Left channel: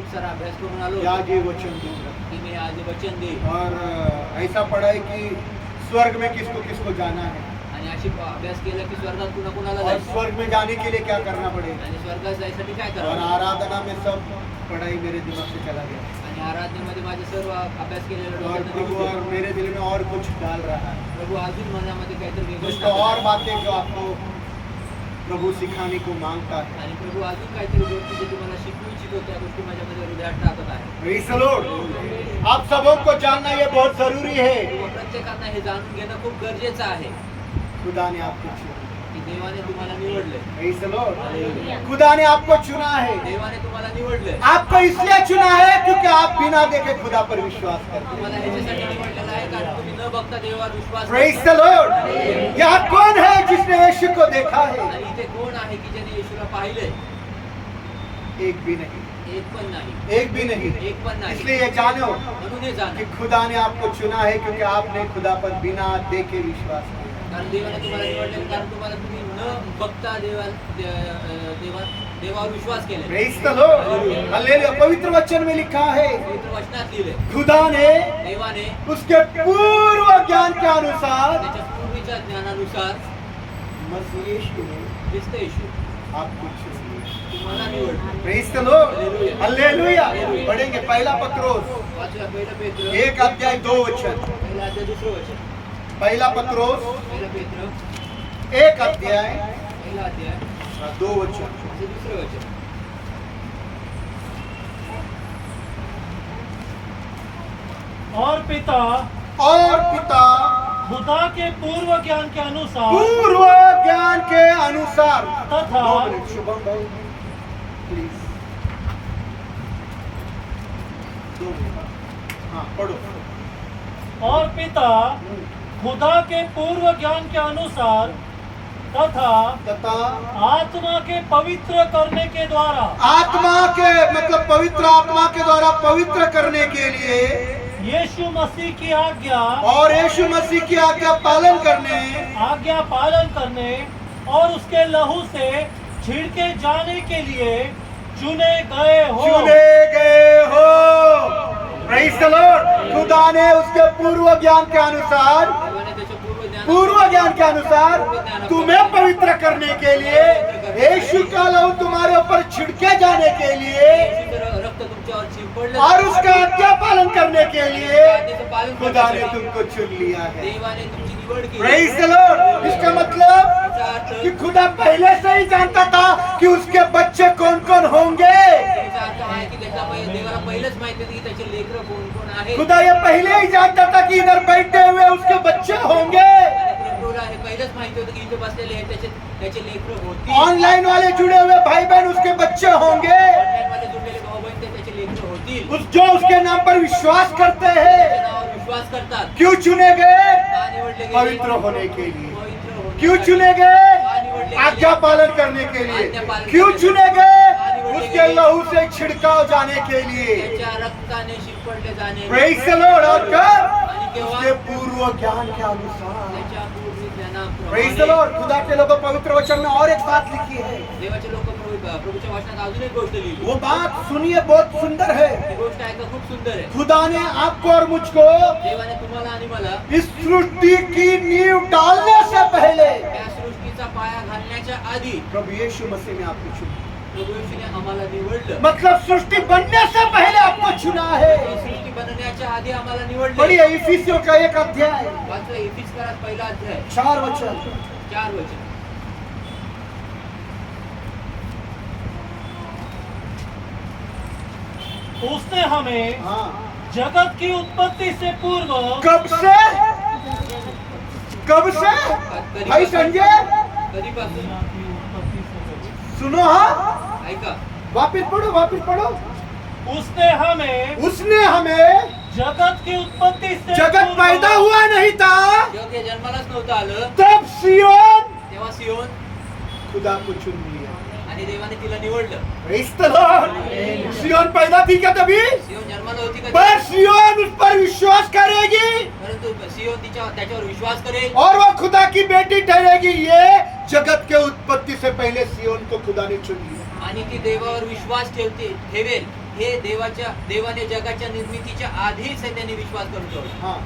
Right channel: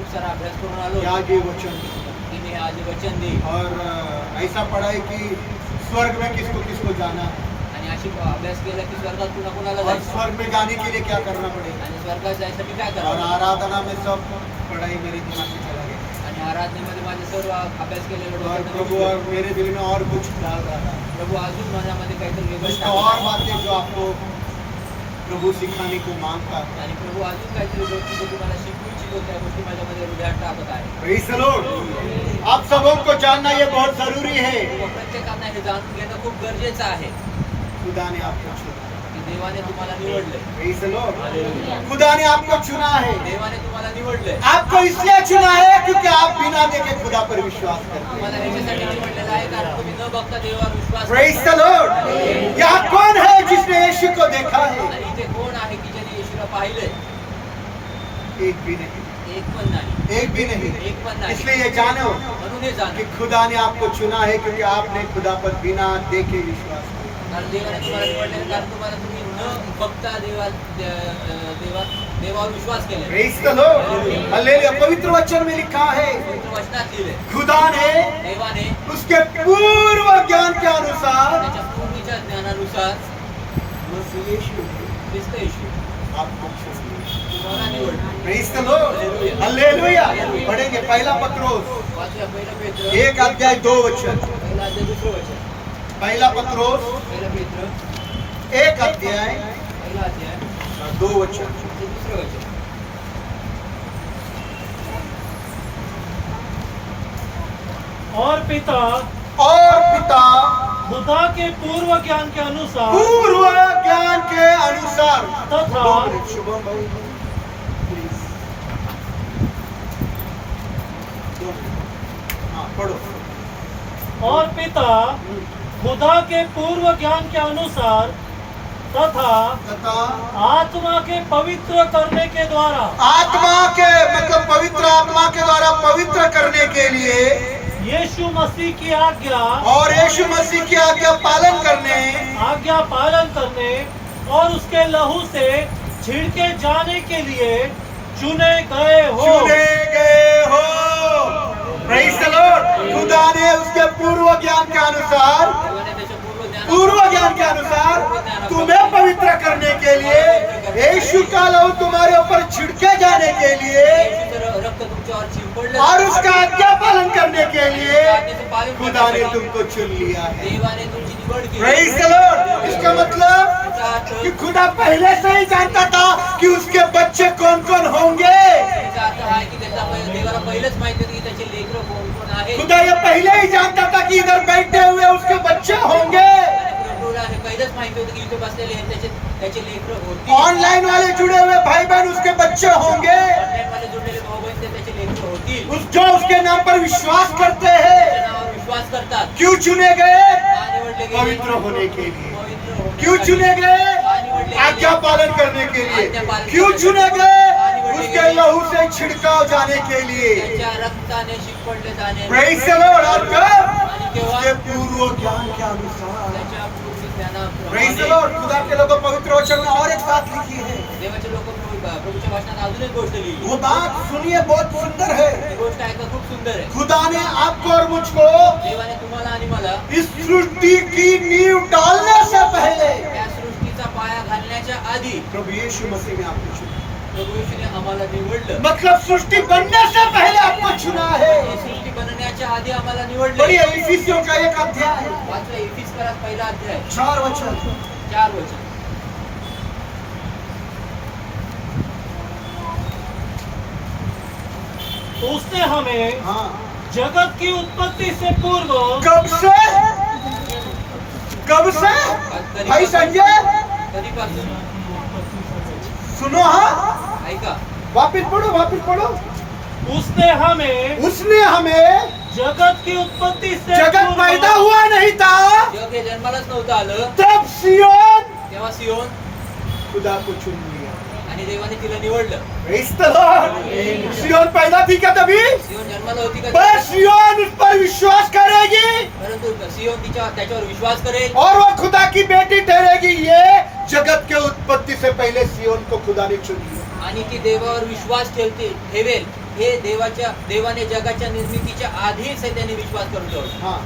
खूप सारा अभ्यास करून आलो आज ये वचन दूंगा। की मी आज वचन देईन और ऐसा पढ़ा है कि स्वर्ग में किसको किसको जाना है आणि अशी अभ्यास केला की स्वर्गात कुणा कुणाला और जायचं स्वर्ग में जाने के लिए क्या करना पड़ेगा। आणि स्वर्गात जायसाठी काय और करावं आराधना में सब पढ़ाई मेरे दिमाग से चला गया आणि आराधनेमध्ये माझे सर्व अभ्यास केलेलं और डोक्यात प्रभु निघून और गेलं. मेरे दिल में और कुछ डाल रहा है प्रभू अजून माझ्यामध्ये काहीतरी वेगळं कुछ टाकत और आहे. बातें जो आपको प्रभु सिखाने को मांगता है। आणि प्रभू अजून काहीतरी गोष्टी जे तुम्हाला शिकवू इच्छितो त्या गोष्टी माझ्यामध्ये हृदयात टाकत आहे. Praise the Lord। आप सबों को जानना ये बहुत जरूरी है। व प्रत्येकांना हे जाणून घेणं खूप गरजेचं आहे खुदा ने आपको चुना। की देवाने तुम्हाला निवडलंय. Praise the Lord। हालेलुया. खुदा ने आपको चुना है। देवाने तुम्हाला निवडलंय. आपको इसलिए चुना है क्योंकि आप बिना देखे खुदा पर विश्वास करते हैं। तुम्हाला ह्याच्यासाठी निवडलेलं आहे कारण तुम्ही न बघता देवावर विश्वास Praise करता. the Lord। यहाँ कौन है जिसने यीशु को देखा है? आणि इथे कोण आहे की ज्याने येशूला पाहिलंय? एक भी नहीं, एक पण नाही. एक भी नहीं। एक पण नाही. इसलिए ये जानो म्हणून हे कि जाणं खुदा ने आपको चुना है क्योंकि आपने खुदा पर बिना देखे विश्वास किया। कारण देवाने तुम्हाला निवडलेलं कारण तुम्हाला तुम्ही न बघता देवावर विश्वास केला. Praise the Lord। हालेलुया। पवित्र वचन में लिखा है पवित्र वचनात लिहिले खुदा ने देवाने उसके पूर्व ज्ञान के अनुसार त्याच्या पूर्वीच्या ज्ञानानुसार मसीह यीशु ने ख्रिस्त येशू आपको चुन लिया। तुम्हाला निवडलं. Praise the Lord। Hallelujah. Hallelujah. Hallelujah. पढ़ेंगे पहला पत्रोस वाचूया पहिलं पेत्र 1 अध्याय 2 वचन। पहिला अध्याय दुसरं वचन. पहला पत्रोस पहिलं पेत्र 1 अध्याय पहिला अध्याय 2 वचन। ते दुसरं वचन. और पिता और पिता खुदा के पूर्व ज्ञान के अनुसार पूर्व ज्ञान के अनुसार तथा 2 मिनट शुभम भाई प्लीज 2 मिनट। हाँ पढ़ो। और पिता खुदा के पूर्व ज्ञान के अनुसार तथा तथा आत्मा के पवित्र करने के द्वारा आत्मा के मतलब पवित्र आत्मा के द्वारा पवित्र करने के लिए यीशु मसीह की आज्ञा और यीशु मसीह की आज्ञा पालन करने और उसके लहू से छिड़के जाने के लिए चुने गए हो। चुने गए हो। Praise the Lord। खुदा ने उसके पूर्व ज्ञान के अनुसार देवाने त्याच्या पूर्व ज्ञान के अनुसार तुम्हें पवित्र करने के लिए यीशु का लहू तुम्हारे ऊपर छिड़के जाने के लिए येशूचं रक्त तुमच्यावर शिंपडलं और उसका आज्ञा पालन करने के लिए आज्ञेचं पालन खुदा ने करण्यासाठी तुमको चुन लिया है। देवाने तुमची निवड केली. Praise the Lord। इसका मतलब याचा अर्थ कि खुदा पहले से ही जानता था कि उसके बच्चे कौन कौन होंगे। याचा अर्थ आहे की देवाला पहिलेच माहिती होती की त्याचे लेकरं कोण कोण आहेत. खुदा ये पहले ही जानता था कि इधर बैठे हुए उसके बच्चे होंगे। आणि प्रभूला हे पहिलेच माहिती होतं की इथे बसलेले आहेत त्याचे लेकरं होती. ऑनलाइन वाले जुड़े हुए भाई बहन उसके बच्चे होंगे। ऑनलाईन वाले जुडलेले भाऊ बहीण त्याचे लेकरं होतील. जो उसके नाम पर विश्वास करते हैं। त्याच्या नावावर विश्वास करतात. क्यों चुने गए? का निवडले गेले? पवित्र होने के लिए। पवित्र होण्यासाठी. क्यों चुने गए? का निवडले गेले? आज्ञा पालन करने के लिए। आज्ञा पालन क्यों करने चुने के गए? लिए। उसके लहू से छिड़काव जाने के लिए। त्याच्या रक्ताने शिंपडले जाणे. Praise the Lord। और कब? आणि केव्हा? उसके पूर्व ज्ञान के अनुसार। त्याच्या पूर्वी Praise the ज्ञानाप्रमाणे Lord। खुदा के लोगों पवित्र वचन में और एक बात लिखी है। देवाचे लोक प्रभूच्या वाचनात अजून एक गोष्ट लिहिली. वो बात सुनिए, बहुत सुंदर है। ही गोष्ट ऐका खूप सुंदर आहे. खुदा ने आपको और मुझको देवाने तुम्हाला आणि मला इस सृष्टि की नींव डालने से पहले या सृष्टीचा पाया घालण्याच्या आधी प्रभु यीशु मसीह में आपको चुना। प्रभू येशूने आम्हाला निवडलं. मतलब सृष्टि बनने से पहले आपको चुना है। ही सृष्टी बनण्याच्या आधी आम्हाला निवडलं. बढ़िया। इफिसियों का 1 अध्याय वाचलं इफिसकरात पहिला अध्याय 4 वचन। 4 वचन. उसने हमें हाँ। जगत की उत्पत्ति से पूर्व कब से? कब से? भाई संजय कधीपासून? सुनो। हाँ ऐका. वापिस पढ़ो। उसने हमें जगत की उत्पत्ति से जगत पूर्व पैदा हुआ नहीं था जग हे जन्मालाच नव्हतं आलं तब सियोन तेव्हा सियोन खुदा को चुन लिया। आणि देवाने तिला निवडलं. Praise the Lord। सियोन पैदा थी क्या तभी? सियोन जन्माला होती का? पर सियोन उस पर विश्वास करेगी परंतु सियोन त्याच्यावर विश्वास करेल और वो खुदा की बेटी ठहरेगी। ये जगत के उत्पत्ति से पहले सियोन को खुदा ने चुन लिया। आणि ती देवावर विश्वास ठेवेल हे देवाने जगाच्या निर्मितीच्या आधीच हे त्यांनी विश्वास करून ठेवला. हाँ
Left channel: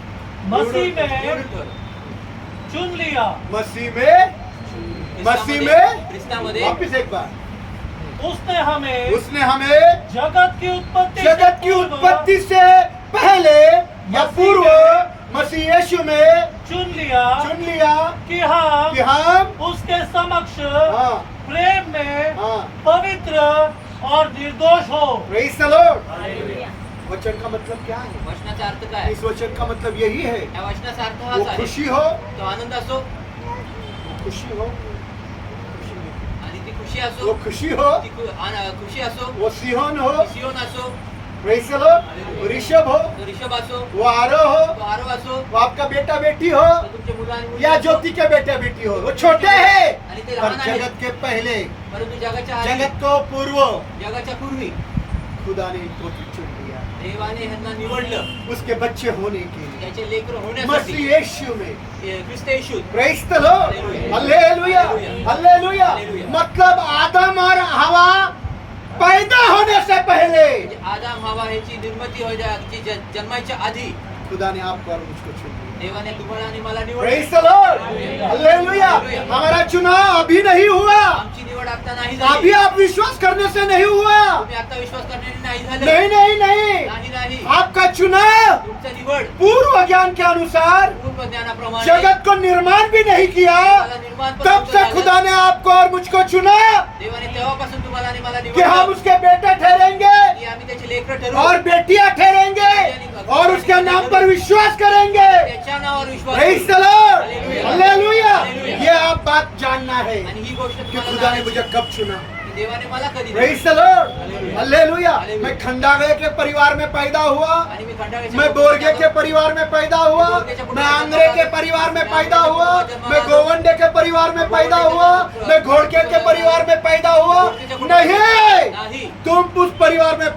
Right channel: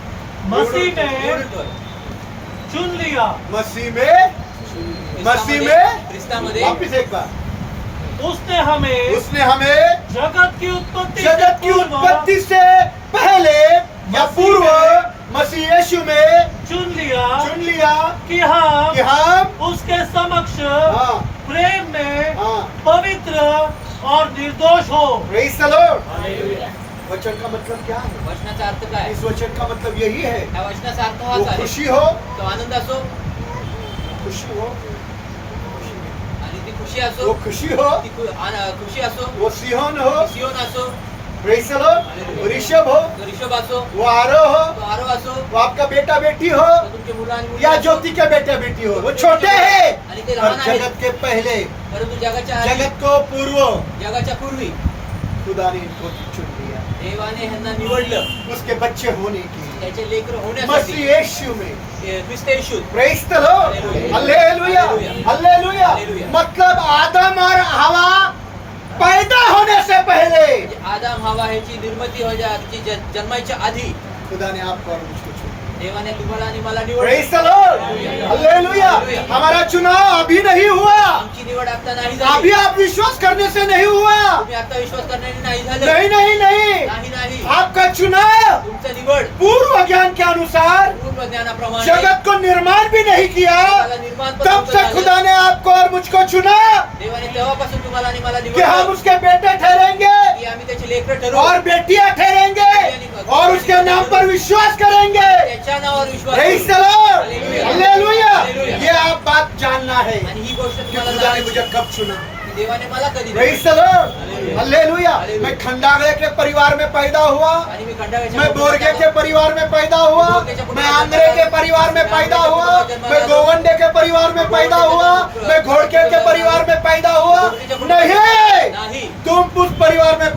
मसीह ने ठेवलं. चुन लिया, मसीह में ख्रिस्तामध्ये वापिस एक बार उसने हमें उसने हमें जगत की उत्पत्ति से पहले या पूर्व मसीह यीशु में चुन लिया चुन लिया कि हम कि हम उसके समक्ष हाँ प्रेम में हाँ पवित्र और निर्दोष हो. Praise the Lord. वचन का मतलब क्या है? वचनाचा अर्थ काय? इस वचन का मतलब यही है, या वचनाचा अर्थ वो हाच आहे. खुशी हो, तो आनंद असो खुशी हो, आणि ती खुशी वो असो, खुशी हो, ती खुशी असो, वो सिहोन हो, ती सियोन असो, प्रेज़ द लॉर्ड, वो ऋषभ हो, तो ऋषभ असो, वो आरोह हो, तो आरोह असो, वो आपका बेटा बेटी हो, तर तुमचे मुलं आणि मुली या असो, ज्योति के बेटा बेटी हो, वो छोटे हैं आणि ते पर लहान आहेत. जगत के पहले, परंतु जगाच्या आधी, जगत को पूर्व जगाच्या पूर्वी खुदा ने इनको चुन लिया, देवाने ह्यांना निवडलं उसके बच्चे होने के लिए त्याचे लेकर होण्यासाठी. मसीह यीशु में. Khrist Yeshu. Praise the Lord, hallelujah, hallelujah. मतलब आदम और हवा पैदा होने से पहले म्हणजे आदाम हवा ह्याची निर्मिती व्हायची जन्माच्या आधी खुदा ने आपको और मुझको चुन लिया. देवाने तुम्हाला आणि मला प्रेज़ निवडलं. The Lord, hallelujah. हमारा चुनाव अभी नहीं हुआ, आमची निवड आता नाही अभी झाली. आप विश्वास करने से नहीं हुआ. तुम्ही आता विश्वास करण्याने नाही झालं. नहीं नहीं नहीं, नाही नाही. आपका चुनाव तुमचं निवड पूर्व ज्ञान के अनुसार पूर्व ज्ञानाप्रमाणे जगत को निर्माण भी नहीं किया, जगाला निर्माण पण तब नव्हतं से झालं. खुदा ने आपको और मुझको चुना देवाने तेव्हापासून तुम्हाला आणि मला कि हम निवडलं उसके बेटे ठहरेंगे की आम्ही त्याचे लेकरं ठरवू. और बेटियां ठहरेंगे और उसके नाम पर विश्वास करेंगे. त्याच्या नावावर विश्वास प्रेज़ द करू. Lord, hallelujah. हालेलुया. हालेलुया. ये आप बात जानना है आणि ही गोष्ट कि तुम्हाला खुदा ने जाणायची मुझे कब चुना. की देवाने मला कधी प्रेज़ द निवडलं. Lord, hallelujah. हालेलुया. हालेलुया. मैं खंडागळे के परिवार में पैदा हुआ, आणि मी खंडाळ्याच्या मैं बोरगे के परिवार में पैदा हुआ, मैं आंध्रे के परिवार में पैदा हुआ, मैं गोवंडे के परिवार में पैदा हुआ, मैं घोड़के के परिवार में पैदा हुआ. नहीं, नाही तुम उस परिवार में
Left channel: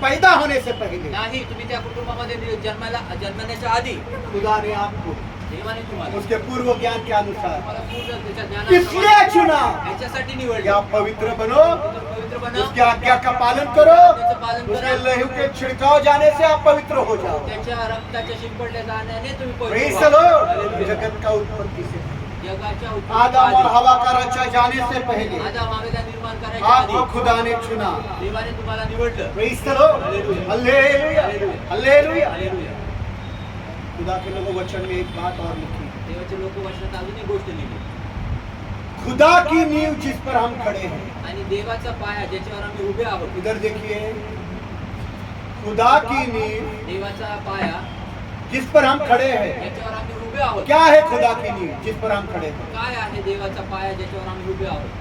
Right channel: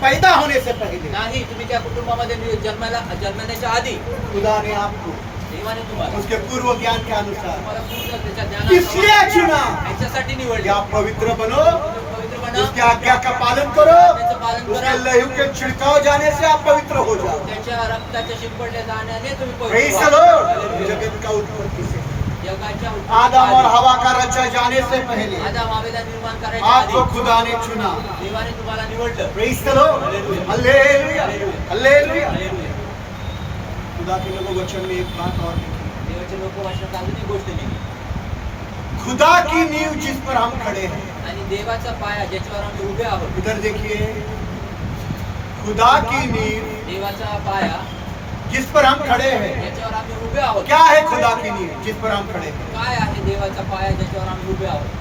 पैदा होने से पहले नाही तुम्ही त्या कुटुंबामध्ये जन्मण्याच्या आधी खुदा ने आपको देवाने तुम्हाला उसके पूर्व ज्ञान के अनुसार तुम्हाला पूर्ण त्याच्या इसलिए ज्ञानाप्रमाणे चुना ह्याच्यासाठी कि निवडले. आप पवित्र बनो, पवित्र बना, उसकी आज्ञा का पालन करो, त्याचं पालन उसके करा. लहू के छिड़काव जाने से आप पवित्र हो जाओ. त्याच्या रक्ताच्या शिंपडल्या जाण्याने तुम्ही प्रेज़ पवित्र द व्हा. लॉर्ड. हालेलुया. जगत का उत्पत्ति से जगाच्या आदम और उत्पत्तीच्या हवा का रचा जाने से पहले आधी, आदम हवेला निर्माण करायच्या आधी आपको खुदा ने चुना. देवाने तुम्हाला निवडलं. Praise the Lord, hallelujah. Hallelujah, hallelujah. Hallelujah. खुदा के लोगों वचन में एक बात और लिखी, देवाचे लोक वचनात अजून एक गोष्ट लिहिली. खुदा की नींव जिस पर हम खड़े हैं. आणि देवाचा पाया ज्याच्यावर आम्ही उभे आहोत. इधर देखिए, खुदा की नींव देवाचा पाया जिस पर हम खड़े हैं. ज्याच्यावर आम्ही उभे आहोत. क्या है खुदा की नींव जिस पर हम खड़े हैं? काय आहे देवाचा पाया ज्याच्यावर आम्ही उभे आहोत?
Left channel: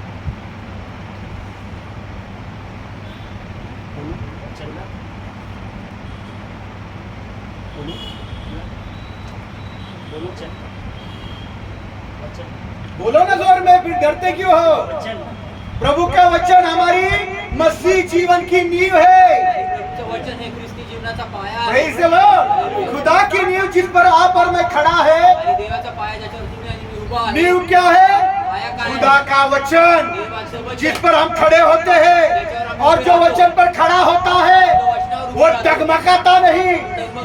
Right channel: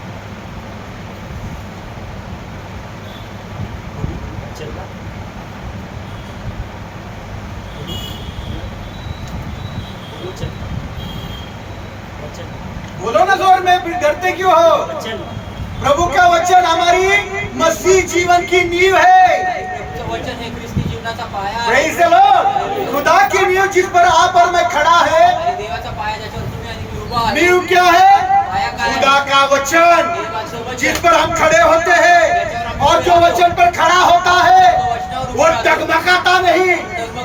बोलो ना जोर में, फिर डरते क्यों हो? प्रभु का वचन हमारी मसीह जीवन की नींव है. प्रभूचं वचन हे ख्रिस्ती जीवनाचा पाया प्रेज़ आहे. The Lord. खुदा की नींव जिस पर आप और मैं खड़ा है, आणि देवाचा पाया ज्याच्यावर तुम्ही आणि मी उभा आहे. नींव क्या है? पाया काय आहे? खुदा का वचन देवाचं जिस वचन. पर हम खड़े होते हैं, और जो वचन पर खड़ा होता है तो वचनावर वो उभा राहतो. डगमगाता नहीं,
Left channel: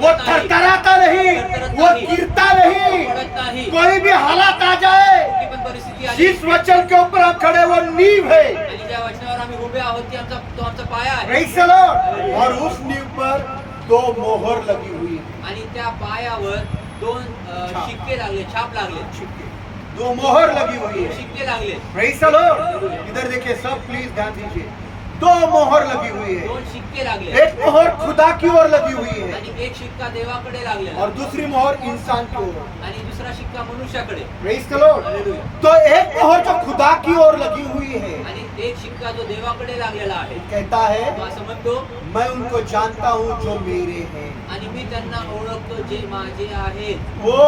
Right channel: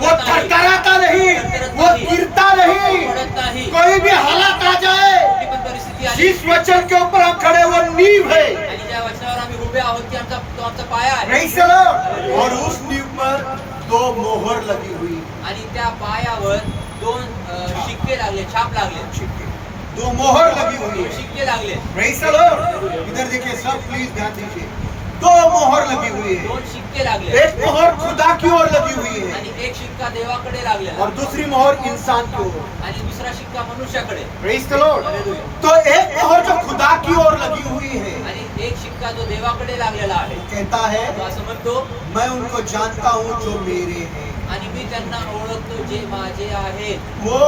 वो थरथराता नहीं, वो गिरता नहीं. पडत नाही. कोई भी हालात आ जाए, कुठली पण परिस्थिती आली जिस वचन के ऊपर हम खड़े वो नींव है. आणि ज्या वचनावर आम्ही उभे आहोत ती तो आमचा पाया आहे. Praise the Lord. और उस नींव पर 2 मोहर लगी हुई. आणि त्या पायावर 2 शिक्के लागले, छाप लागले, 2 मोहर लगी हुई है. शिक्के लागले. Praise the Lord. इधर देखिए सब, प्लीज ध्यान दीजिए. 2 मोहर लगी हुई है. 2 शिक्के लागले. एक मोहर खुदा की ओर लगी हुई है आणि एक शिक्का देवाकडे लागलेला और दूसरी मोहर इंसान की ओर. आणि दुसरा शिक्का मनुष्याकडे. Praise the Lord. हालेलुया. तो एक मोहर जो खुदा की ओर लगी हुई है, आणि एक शिक्का जो देवाकडे लागलेला आहे कहता है तो असं म्हणतो, मैं उनको जानता हूँ जो मेरे हैं. आणि मी त्यांना ओळखतो जे माझे आहेत. वो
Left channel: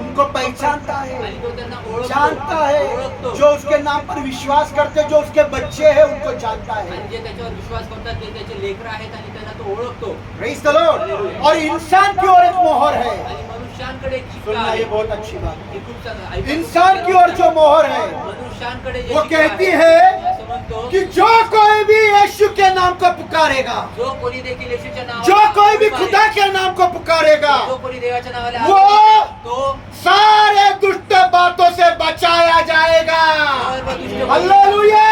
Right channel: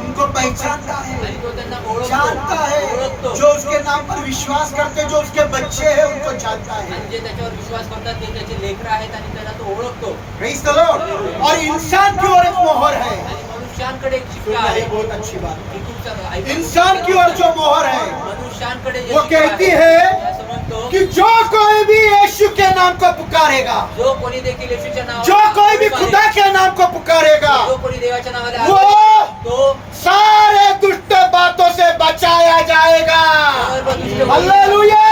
उनको पहचानता है, आणि तो त्यांना जानता है. ओळखतो. जो उसके नाम पर विश्वास करते, जो उसके बच्चे हैं, उनको जानता है. आणि जे त्याच्यावर विश्वास करतात ते त्याचे लेकरं आहेत आणि त्यांना तो ओळखतो. Praise the Lord. और इंसान की ओर एक मोहर है. आणि मनुष्यांकडे एक शिक्का सुनना, आहे. ये बहुत अच्छी बात हे खूप चांगलं है. ऐका. इंसान की ओर जो मोहर है मनुष्यांकडे जे वो शिक्का कहती आहे, है असं म्हणतो सांगतो कि जो कोई भी यीशु के नाम को पुकारेगा, जो कोणी देखील येशूच्या नावाला जो कोई भी हाक खुदा मारेल, के नाम को पुकारेगा, जो कोणी देवाच्या नावाला हाक वो मारेल, तो सारे दुष्ट बातों से बचाया जाएगा। सर्व दुष्ट गोष्टी- हालेलुया,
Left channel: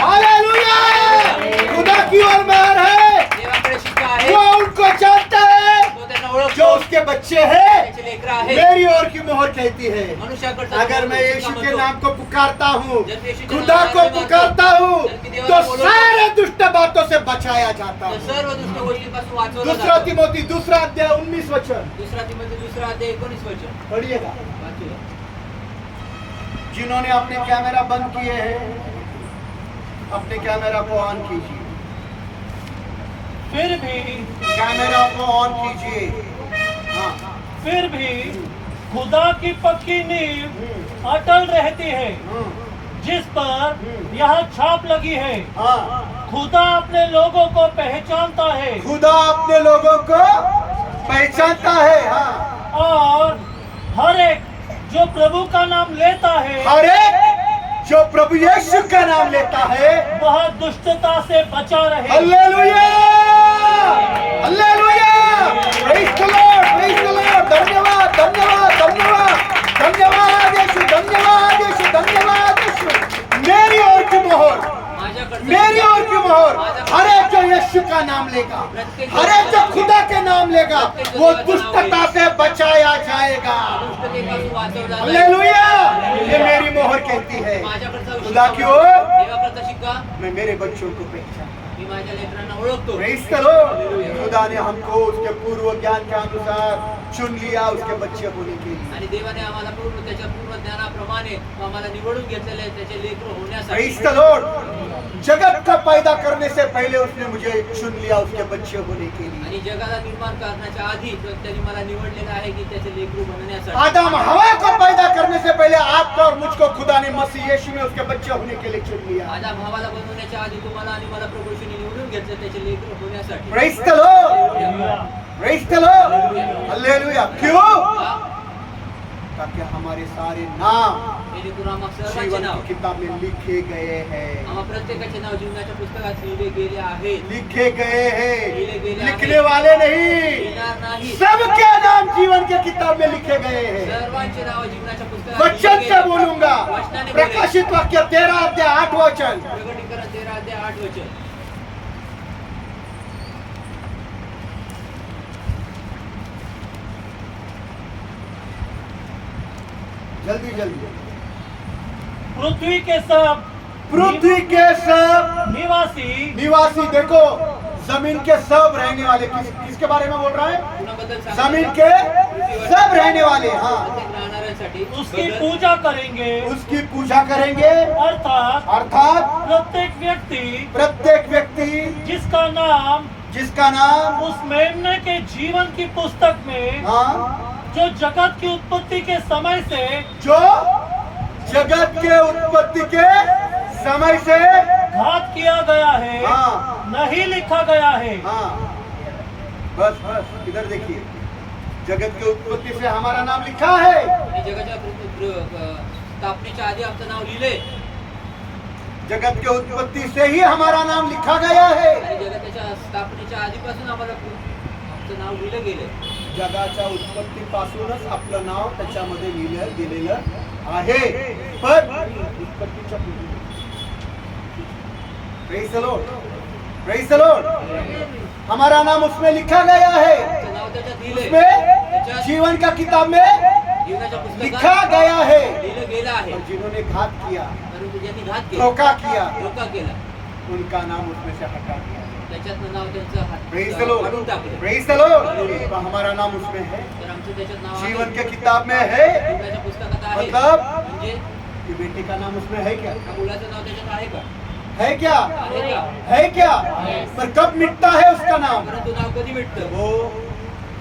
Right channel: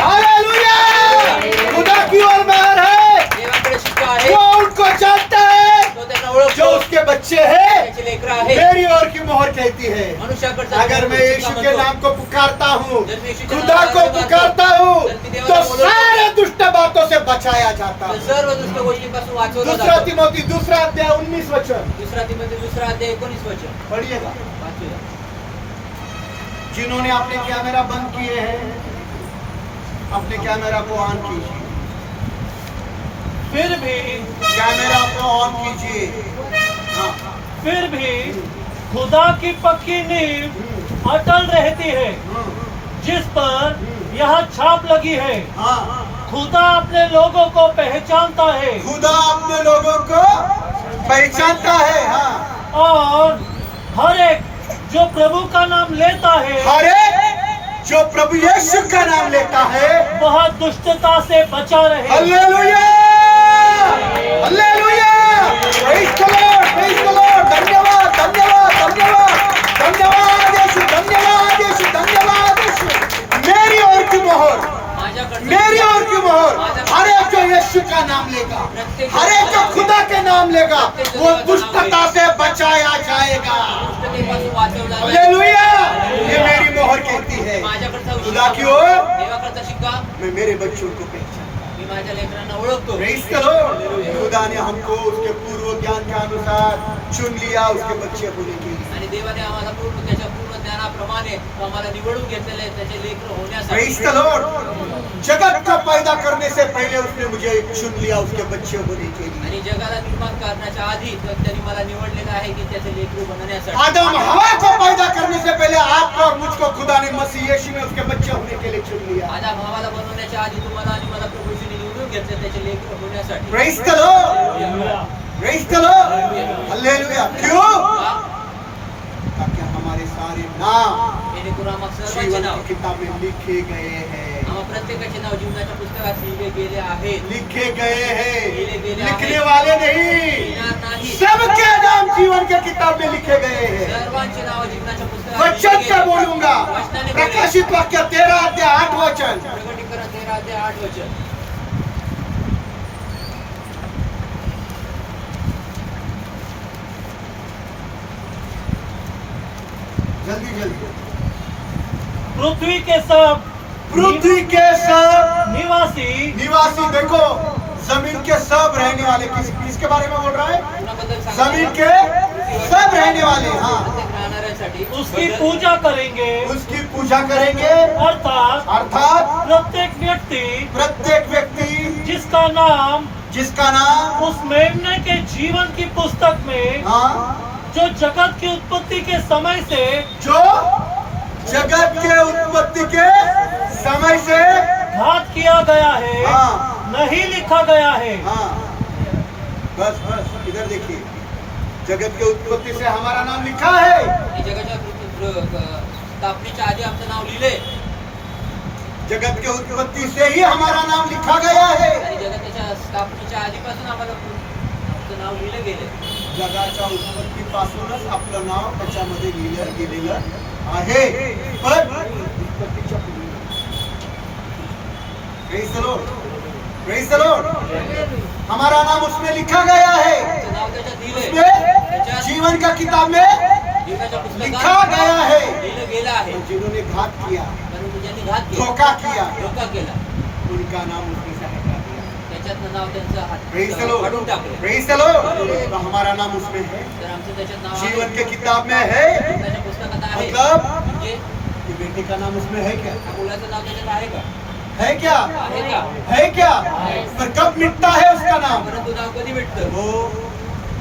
हालेलुया। खुदा की ओर मेहर है, देवाकडे शिक्का आहे, वो उनको जानता है तो त्यांना जो ओळखतो, उसके बच्चे हैं। त्याचे लेकरं आहे, मेरी ओर की मोहर कहती है, मनुष्याकडचा अगर मैं यीशु शिक्का के म्हणतो, नाम को पुकारता हूँ, जब मैं यीशु के खुदा नावाला को हाक मारतो, पुकारता हूँ, जब मैं तो देवाला बोलवतो, सारे दुष्ट बातों से बचाया जाता तर है। सर्व दुष्ट गोष्टींपासून वाचवला दूसरा जातो. तिमोथी दूसरा अध्याय 19 वचन दुसरा तिमोथी दुसरा अध्याय 19 वचन पढ़िएगा। वाचूया. जिन्होंने अपने कैमरा बंद किए हैं, अपने कैमरा को ऑन कीजिए, फिर भी कैमरा को ऑन कीजिए। हाँ, फिर भी खुदा की पक्की नींव अटल रहती है, जिस पर यह छाप लगी है। हाँ, खुदा अपने लोगों को पहचानता है खुदा अपने लोगों को पहचानता है। हाँ, और हर एक जो प्रभु का नाम लेता है हर एक जो प्रभु यीशु का नाम लेता है, वह दुष्टता से बचा रहे। Hallelujah, hallelujah. Praise the Lord, praise the Lord. धन्यवाद, धन्यवाद, धन्यवाद, धन्यवाद यीशु, धन्यवाद यीशु, धन्यवाद यीशु। मेरी ओर की मोहर, माझ्याकडचं मेरी ओर की मोहर, हर एक जो यीशु का नाम लेगा, हर एक जो खुदा के नाम लेगा, वो दुष्टता से बचाया जाएगा। दुष्टतेपासून वाचवला जाईल. हालेलुया, ये मेरी मोहर कहती है। माझ्याकडचा खुदा की शिक्का, ओर देवाकडचा शिक्का मैं मेरे बच्चों को पहचान। मी माझ्या लेकरांना ओळखतो. Praise the Lord. खुदा ने हमको उसके पूर्व ज्ञान के अनुसार चुन लिया उसके बच्चे होने के लिए। आणि देवाने आम्हाला त्याच्या पूर्ण ज्ञानाप्रमाणे तो आम्हाला निवडून घेतलेले आहे, त्याचे लेकर होण्यासाठी. Praise the Lord. जगत का पैदा करने से पहले उसने मुझे चुन लिया उसके बच्चे होने के लिए। आणि जगाला निर्माण करण्याच्या आधी त्यांनी मला निवडलेलं आहे की त्याचे लेकरू बनण्यासाठी. आदम हवा को पैदा करने से पहले आपको और मुझको खुदा ने मसीह यीशु में उसके बच्चे होने के लिए चुन लिया। आदम हवाला बनवण्याच्या आधी तुम्हाला आणि मला प्रभू येशूने निवडून घेतले त्याचे लेकरू होण्यासाठी. Praise the Lord, praise the Lord, hallelujah. क्यों? का? ताकि हमारे सारे नाम जेणेकरून आम्हा सर्वांचे जीवन नाव, की किताब में लिखे गए हैं, आम्हा प्रत्येकाचे नाव जीवनाच्या पुस्तकात लिहिले गेले आहेत. लिखे गए हैं, लिखे गए हैं। लिखने वाले नहीं, लिहिणार नाही. सबके नाम जीवन के किताब में लिखे गए हैं। सर्वांचे नाव जीवनाच्या पुस्तकात वचन लिहिले से गेले. बोलूंगा, वचनाने बोलेल. प्रकाशित वाक्य 13 अध्याय 8 वचन। प्रकटीकरण 13 अध्याय 8 वचन. जल्दी जल्दी। पृथ्वी के सब पृथ्वी के सब निवासी निवासी, देखो जमीन के सब रहने वाले, किसके बारे में बोल रहा है? कुणाबद्दल सांगतो? जमीन के सब रहने वाले। हाँ, प्रत्येक राहणाऱ्यांसाठी उसकी बदल- पूजा करेंगे, उसकी पूजा करेंगे, अर्थात अर्थात प्रत्येक व्यक्ति प्रत्येक व्यक्ति जिसका नाम जिसका नाम उस मेमने के जीवन की पुस्तक में हाँ, जो जगत की उत्पत्ति के समय से जो जगत के उत्पत्ति के समय से घात किया गया है हाँ, नहीं लिखा गया है। हाँ, बस बस इधर देखिए, जगत के उत्पत्ति से हमारा नाम लिखा है। आणि जगाच्या स्थापनेच्या आधी आमचं नाव लिहिले जगत के उत्पत्ति से ही हमारा नाम लिखा गया है। आणि जगताच्या स्थापनेच्या आधीपासून आम्हाला आमचं नाव लिहिलं गेले. जगाच्या उत्पत्तीपासूनच आपलं नाव त्याच्यामध्ये लिहिलं गेलेलं आहे, पण उत्पत्तीच्या पूर्वी. Praise the Lord, praise the Lord. हमारा नाम उसमें लिखा गया है, आमचं नाव त्याच्यात लिहिले, उसमें त्याच्यात जीवन का किताब में जीवनाच्या लिखा पुस्तकात गया है। लिहिलं गेलं आहे. जिन्होंने घात किया, परंतु ज्यांनी घात केला, धोखा किया, धोका केला, उनका नाम उसमें से हटा दिया। त्याच्यातनं नाव त्यांचं प्रेज़ द काढून लॉर्ड, टाकलं. Praise the Lord. तो हमारा नाम उसमें है, तर आमचं त्याच्यात नाव जीवन आहे. के किताब में है। जीवनाच्या पुस्तकात आहे. मतलब म्हणजे ये बेटे का नाम उसमें है क्या? त्या मुलाचं नाव त्याच्यात आहे का? है क्या? आहे का? है क्या? पर कब मिटता है उसका नाम? परंतु नाव कधी भेटतं? वो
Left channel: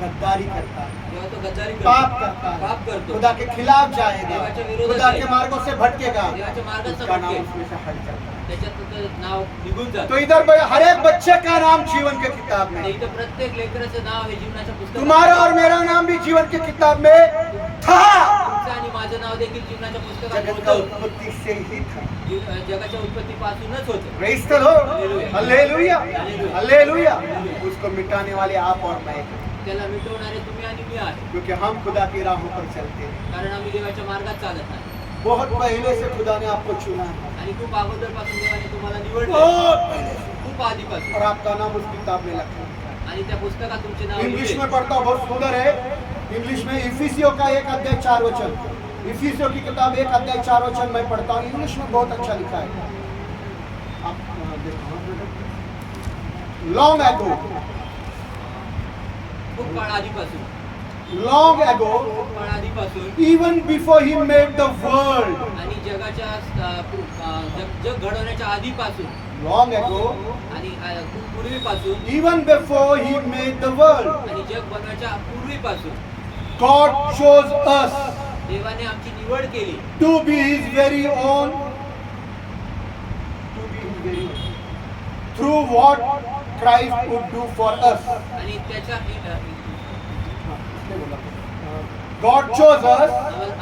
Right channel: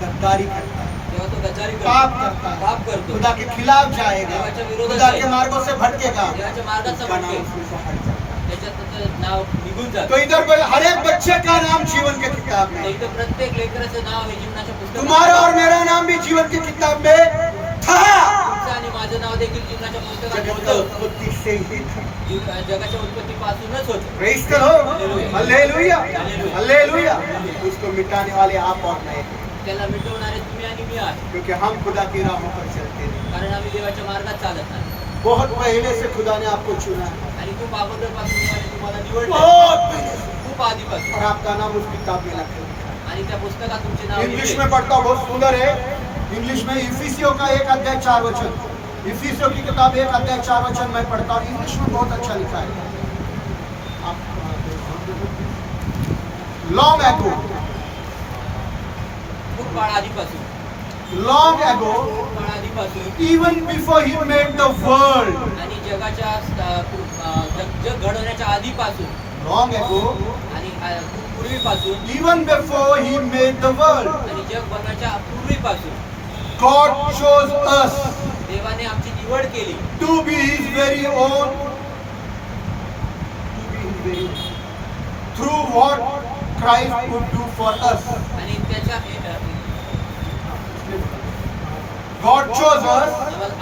गद्दारी करता है, जेव्हा तो गद्दारी पाप करतो, करता है, पाप करतो, खुदा के खिलाफ जाएगा, देवाच्या विरोधात खुदा जाईल. के मार्गों से भटकेगा, देवाच्या मार्गात उसका नाम भटकेल. उसमें से हट जाता है। त्याच्यात त्याचं नाव निघून जातं. तो इधर हर एक बच्चे का नाम जीवन के किताब में, इथं प्रत्येक लेकराचं नाव हे जीवनाच्या पुस्तकात तुम्हारा और मेरा नाम भी जीवन की किताब में था। तुमचं आणि माझं नाव देखील जीवनाच्या पुस्तकात जगत का होतं. उत्पत्ति से ही था। जगाच्या उत्पत्तीपासूनच होतं. Praise the Lord, hallelujah. Hallelujah, hallelujah. Hallelujah. Hallelujah. उसको मिटाने वाले आप और मैं हैं, त्याला मिटवणारे तुम्ही आणि मी आहे. क्योंकि हम खुदा की राहों पर चलते नहीं। कारण आम्ही देवाच्या मार्गात चालत नाही. बहुत पहले से खुदा ने आपको चुना है, आणि खूप अगोदरपासून देवाने तुम्हाला निवडलं. बहुत पहले से, खूप आधीपासून. और आपका नाम उस किताब में लिखा है। आणि त्या पुस्तकात तुमचे नाव इंग्लिश लिहिलंय. में पढ़ता बहुत सुंदर है। इंग्लिश में इफिसियों का 1 अध्याय 4 वचन, इफिसियों की किताब 1 अध्याय 4 वचन मैं पढ़ता हूँ। इंग्लिश में बहुत अच्छा लिखा है। लॉन्ग एगो, खूप काळ आधीपासून. long ago, खूप काळ आधीपासून. even before he made the world, आणि जगाच्या जग घडवण्याच्या आधीपासून. long ago, आणि खूप पूर्वीपासून. even before he made the world, आणि जग बनवायच्या पूर्वीपासून God chose us देवाने आमची निवड केली. to be his very own, to be his very own, through what Christ would do for us. आणि त्याच्या God chose us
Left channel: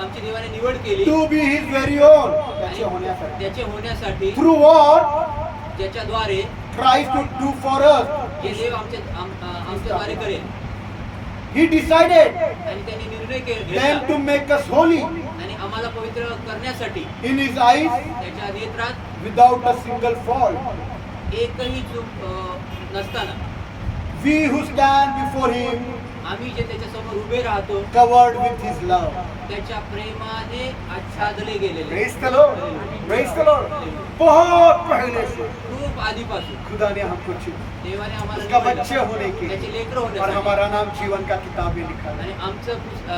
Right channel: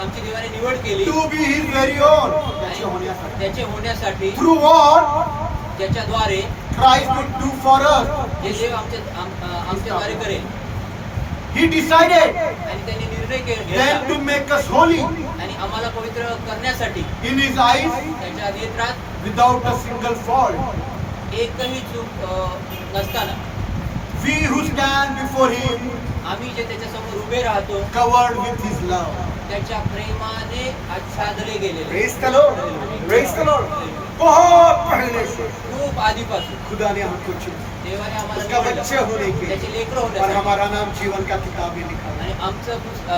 आमची देवाने निवड केली. to be his very own. आणि त्याचे होण्यासाठी Through what ज्याच्याद्वारे Christ would do for us. जे देव आमच्याद्वारे करेल. He decided आणि त्यांनी निर्णय then घेतला. to make us holy आणि आम्हाला पवित्र करण्यासाठी in his eyes त्याच्या नेत्रात without a single fault. एकही चूक नसताना We who stand before him आम्ही जे त्याच्या समोर उभे राहतो covered with his love. त्याच्या प्रेमाने आच्छादले गेलेले. Praise the Lord. Praise the Lord. बहुत पहले से खूप आधीपासून खुदा ने हमको चुना, देवाने आम्हाला उसका निवडलं. बच्चे होने के त्याचे लेकरं और होण्यासाठी. हमारा नाम जीवन का किताब में लिखा है। आणि आमचं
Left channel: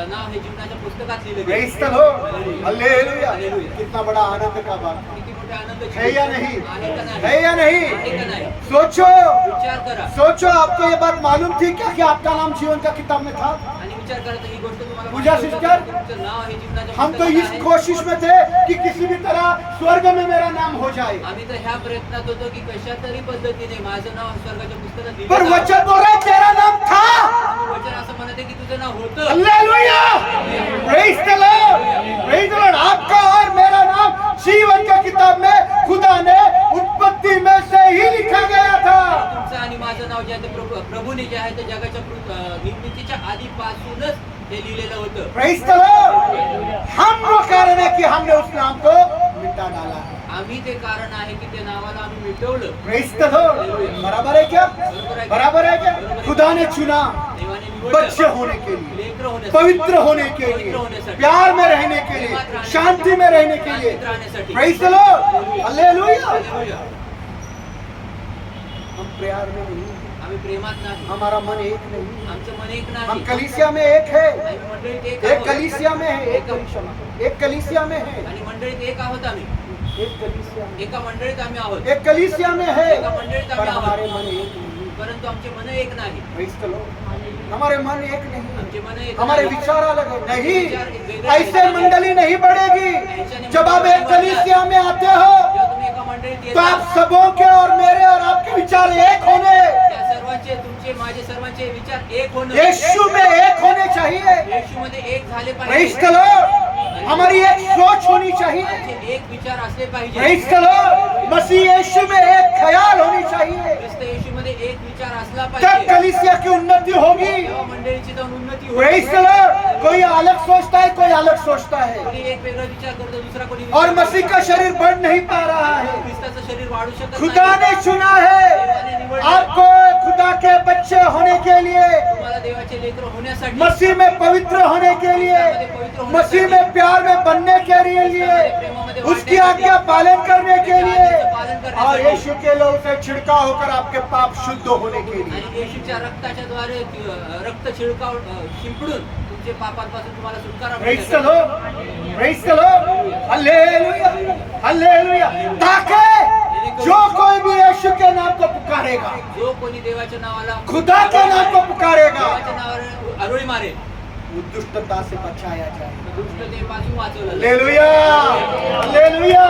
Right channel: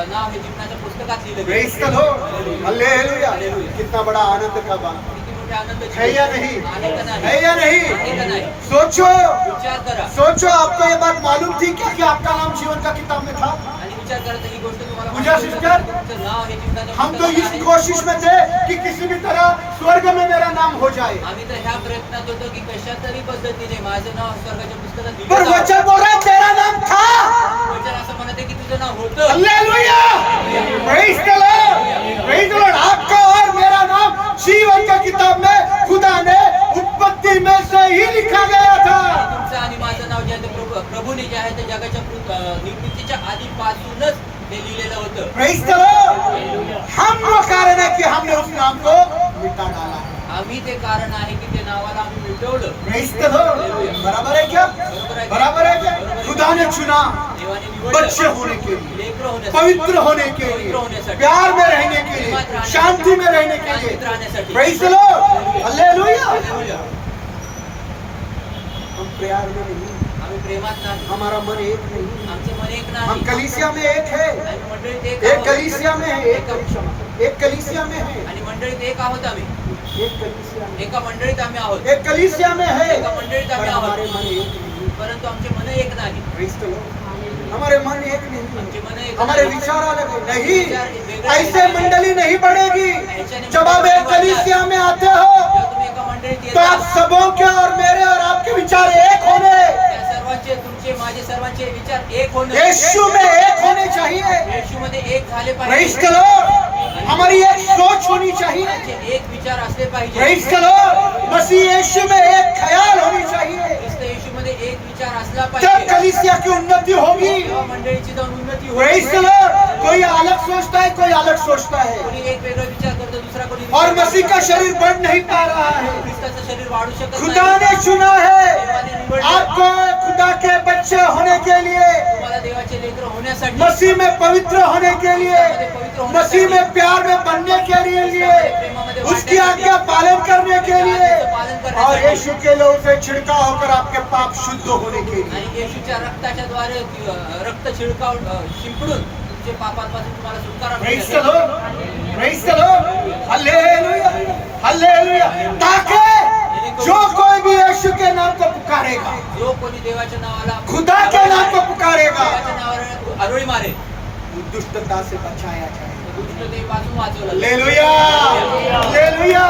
नाव हे जीवनाच्या पुस्तकात लिहिलं Praise the गेलं. Lord. हालेलुया। हालेलुया. कितना बड़ा आनंद का बात किती मोठे आनंदाची है या गोष्ट नहीं? आहे का नाही? है या नहीं? आहे का नाही? सोचो, विचार करा. सोचो, आपको ये बात मालूम थी क्या कि आपका नाम जीवन का किताब में था? आणि विचार करा तर ही गोष्ट तुम्हाला पूजा माहिती होती सिस्टर, का? तुमचं नाव हे जीवनाच्या हम तो पुस्तकात इस आहे. कोशिश में थे कि किसी भी तरह स्वर्ग में मेरा नाम हो जाए, आम्ही तर ह्या प्रयत्नात होतो की कशा तरी पद्धतीने माझं नाव स्वर्गाच्या पुस्तकात पर लिहिलं जावं. वचन बोल रहा है तेरा नाम था। वचन असं म्हणते की तुझं नाव होतं. Hallelujah. Praise the Lord, praise the Lord. आपका और मेरा नाम जीवन का किताब में खुदा ने उत्पत्ति में से ही लिखा गया था। तुमचं आणि माझं नाव जे आहे ते प्रभूने जे आहे ते जगाच्या निर्मितीच्या आधीपासूनच ते लिहिलेलं होतं. Praise the Lord. हम वो कारण है कि हमने उस नाम को मिटा डाला है। आम्ही ते कारण आहे की ते नावाला आम्ही मिटवलं. Praise the Lord. बराबर है क्या? बराबर है क्या? खुदा ने चुना देवाने बच्चे निवडलं. होने के लिए, लेकरं होण्यासाठी. पवित्र होने के पवित्र लिए, होण्यासाठी. प्यार में रहने के लिए, शांति में रहने के लिए। शांतीत राहण्यासाठी. Praise the Lord. Hallelujah. Hallelujah. हम प्यार में नहीं, आम्ही प्रेमात नाही. हमारा मन एक नहीं, आमचं मन एक हम नाही. कलीसिया में एक है, आम्ही मंडळीत एक एक आहोत. कलीसिया में है, एक कलीसिया में, एक कलीसिया में है, आणि मंडळीत एक आहोत आम्ही. एक कलीसिया में, एका मंडळीत आम्ही आहोत. एक कलीसिया में है, एका मंडळीत पर आम्ही हमारे आहोत. मन एक नहीं। परंतु आमचे मन एक नाही. Praise the Lord. हमारे मन एक नहीं, आमचे मन एक हमारे नाही. विचार अलग है। नहीं, ऐसे मंडली नहीं बढ़ेगी। जब आप एक कलीसिया में आते हो जेव्हा तुम्ही एका मंडळीत तो आप येता सबों के और मेरे और आपके विचार एक होने, त्या सर्वांचे तुमचे माझे सर्वांचे विचार एक होणं. यीशु में एक होने चाहिए। येशूमध्ये एक झाले प्रेज पाहिजे. The Lord. हमारी एक सोच होनी चाहिए। आमचे एक विचार असले पाहिजे. Praise the Lord. Masih Yeshu में एक ख्याल होनी चाहिए। ख्रिस्त येशूमध्ये एक विचार असला तब पाहिजे. कलीसिया की उन्नति होगी। तेव्हा मंडळीची जाऊन उन्नती प्रेज द होईल. लॉर्ड। कोई अलग सोचता है, कोई अलग सोचता है, कोणी एक वेगळा विचार करतो, दुसरा कोणी और विचार मसीह का शरीर बढ़ नहीं पा रहा है। ख्रिस्ताचं शरीर वाढू शकत खुदा नाही. ने चुना है देवाने निवडलं. आपको खुदा के बच्चे होने के लिए, तुम्हाला देवाचे लेकर होण्यासाठी, मसीह में पवित्र होने के लिए, मसीह में प्यार में बनने के लिए, उसकी आज्ञा पालन करने के लिए, और यीशु के लोग से छिड़काव होकर आपके पाप शुद्ध होने के लिए। आणि येशूच्या रक्ताच्या द्वारे रक्त छिळकाव शिंपडून तुमचे पापांपासून तुम्हाला सुटकारा प्रेज द मिळेल. Lord, praise the Lord, hallelujah, hallelujah. ताकि जो कोई भी यीशु के नाम को पुकारेगा, जो कोणी देवाच्या नावाला खुदा के नाम को पुकारेगा, देवाच्या नावावर आरोळी मारेल, वो दुष्टता से बचाया जाए। दुष्टतेपासून वाचवलं जाईल. Hallelujah, hallelujah,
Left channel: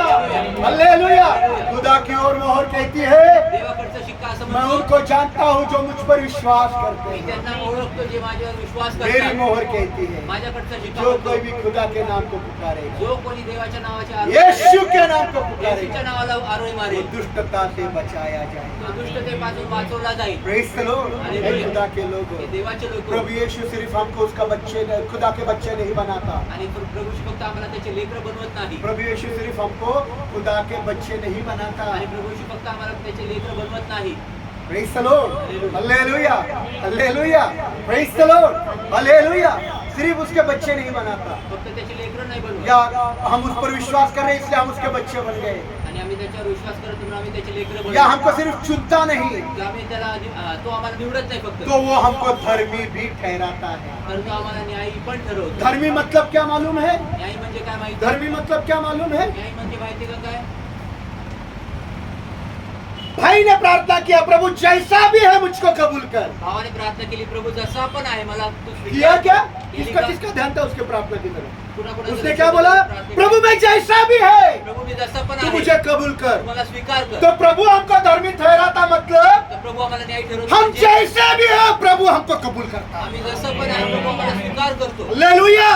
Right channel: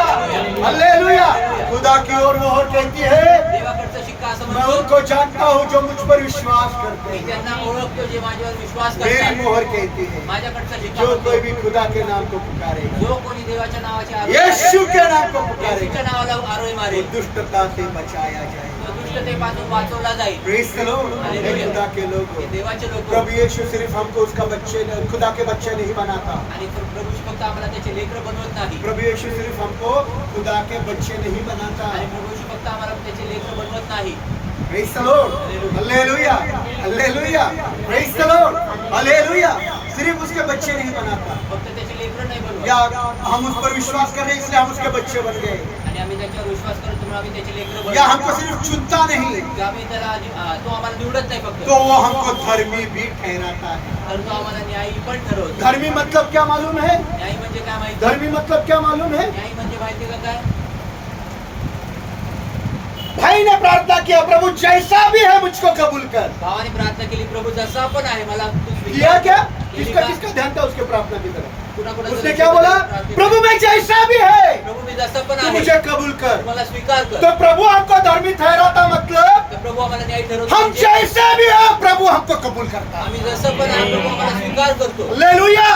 hallelujah. खुदा की ओर मोहर कहती है, देवाकडचा शिक्का असं मैं म्हणतो, उनको जानता हूँ जो मुझ पर विश्वास करते मी हैं। त्यांना ओळखतो जे माझ्यावर विश्वास मेरी करतात. मोहर कहती है, माझ्याकडचा शिक्का जो म्हणतो, कोई भी खुदा के नाम को पुकारेगा, जो कोणी देवाच्या नावाचे आरोप यीशु के नाम को येशूच्या पुकारेगा, नावाला आरोळी वो मारेल, दुष्टता से बचाया जाए। तो दुष्टतेपासून वाचवला जाईल. Praise the Lord. हे खुदा के लोग, हे देवाचे लोक प्रभु यीशु सिर्फ हमको उसका बच्चे, खुदा के बच्चे नहीं बनाता। आणि प्रभू फक्त आम्हाला त्याचे लेकर बनवत नाही. प्रभु यीशु सिर्फ हमको खुदा के बच्चे नहीं बनाता। आणि प्रभू फक्त आम्हाला त्याचे लेकर बनवत नाही. Praise the Lord, hallelujah, hallelujah, praise the Lord, hallelujah. सिर्फ उसके बच्चे नहीं बनाता, फक्त त्याचे लेकर नाही या बनवत. हम उस पर विश्वास कर रहे हैं इसलिए हम उसके बच्चे बन गए, आणि आम्ही त्याच्यावर विश्वास करतो म्हणून आम्ही त्याचे लेकर या हमको बनवतो. सिर्फ चुनता नहीं किंवा आम्ही त्याला तो आम्हाला निवडत नाही फक्त, तो वो हमको धर्मी भी ठहराता है। तर तो आम्हाला न्यायी पण ठरवतो. धर्मी मतलब क्या मालूम है? न्यायी म्हणजे काय माहिती? धर्मी मतलब क्या मालूम है? न्यायी म्हणजे माहिती का काय? भाई ने प्रार्थना किया, प्रभु जैसा भी है मुझको कबूल कर। भावाने प्रार्थना केली, प्रभू जसा पण आहे मला तू स्वीकार किया क्या? केली किसका का? किसका ध्यान था उसके प्रार्थना की तरफ? कुणाकुणाचं उसने लक्ष क्या बोला? प्रार्थना- प्रभु मैं जैसा भी है प्रभू मी जसा पण तू आहे मुझे कबूल कर। मला स्वीकार कर. तो प्रभु हमको धर्मी ठहराता मतलब तर प्रभू आम्हाला न्याय ठरवतो. हम म्हणजे जैसे भी है प्रभु हमको कबूल करता है। आम्ही जसं पण आहे प्रभू आम्हाला स्वीकार करतो. Hallelujah,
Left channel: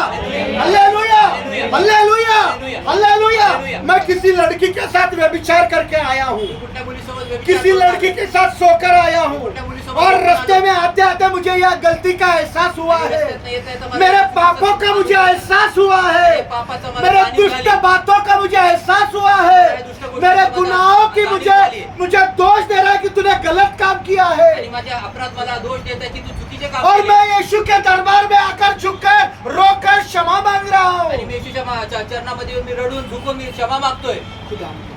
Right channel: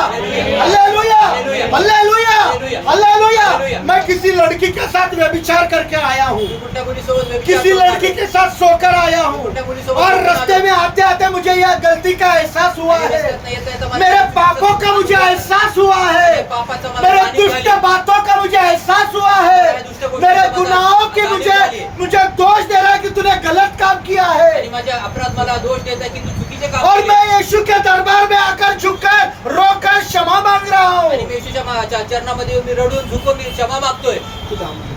hallelujah, hallelujah, hallelujah. Hallelujah. मैं किसी लड़की के साथ व्यभिचार करके आया हूँ, मी कुठल्या मुलीसोबत व्यभिचार किसी करून लड़की आलो. के साथ सोकर आया हूँ, और रास्ते में आते आते मुझे यह गलती का एहसास हुआ आणि है। रस्त्यातनं येता येता मला मेरे चुकीचं पापों का मुझे एहसास हुआ है, मेरे पापाचं मला मेरे जाणीव दुष्ट झाली. बातों का मुझे एहसास हुआ है, मेरे गुनाहों की मुझे दोष दे रहा है कि तूने गलत काम किया आणि है। माझ्या अपराध मला दोष देत आहे की तू चुकीचे काम और केले. मैं यीशु के दरबार में आकर झुककर रोकर क्षमा मांग रहा आणि हूँ। मी येशूच्या चरणामध्ये येऊन मी रडून झुकून मी क्षमा मागतोय. खुदा मुझे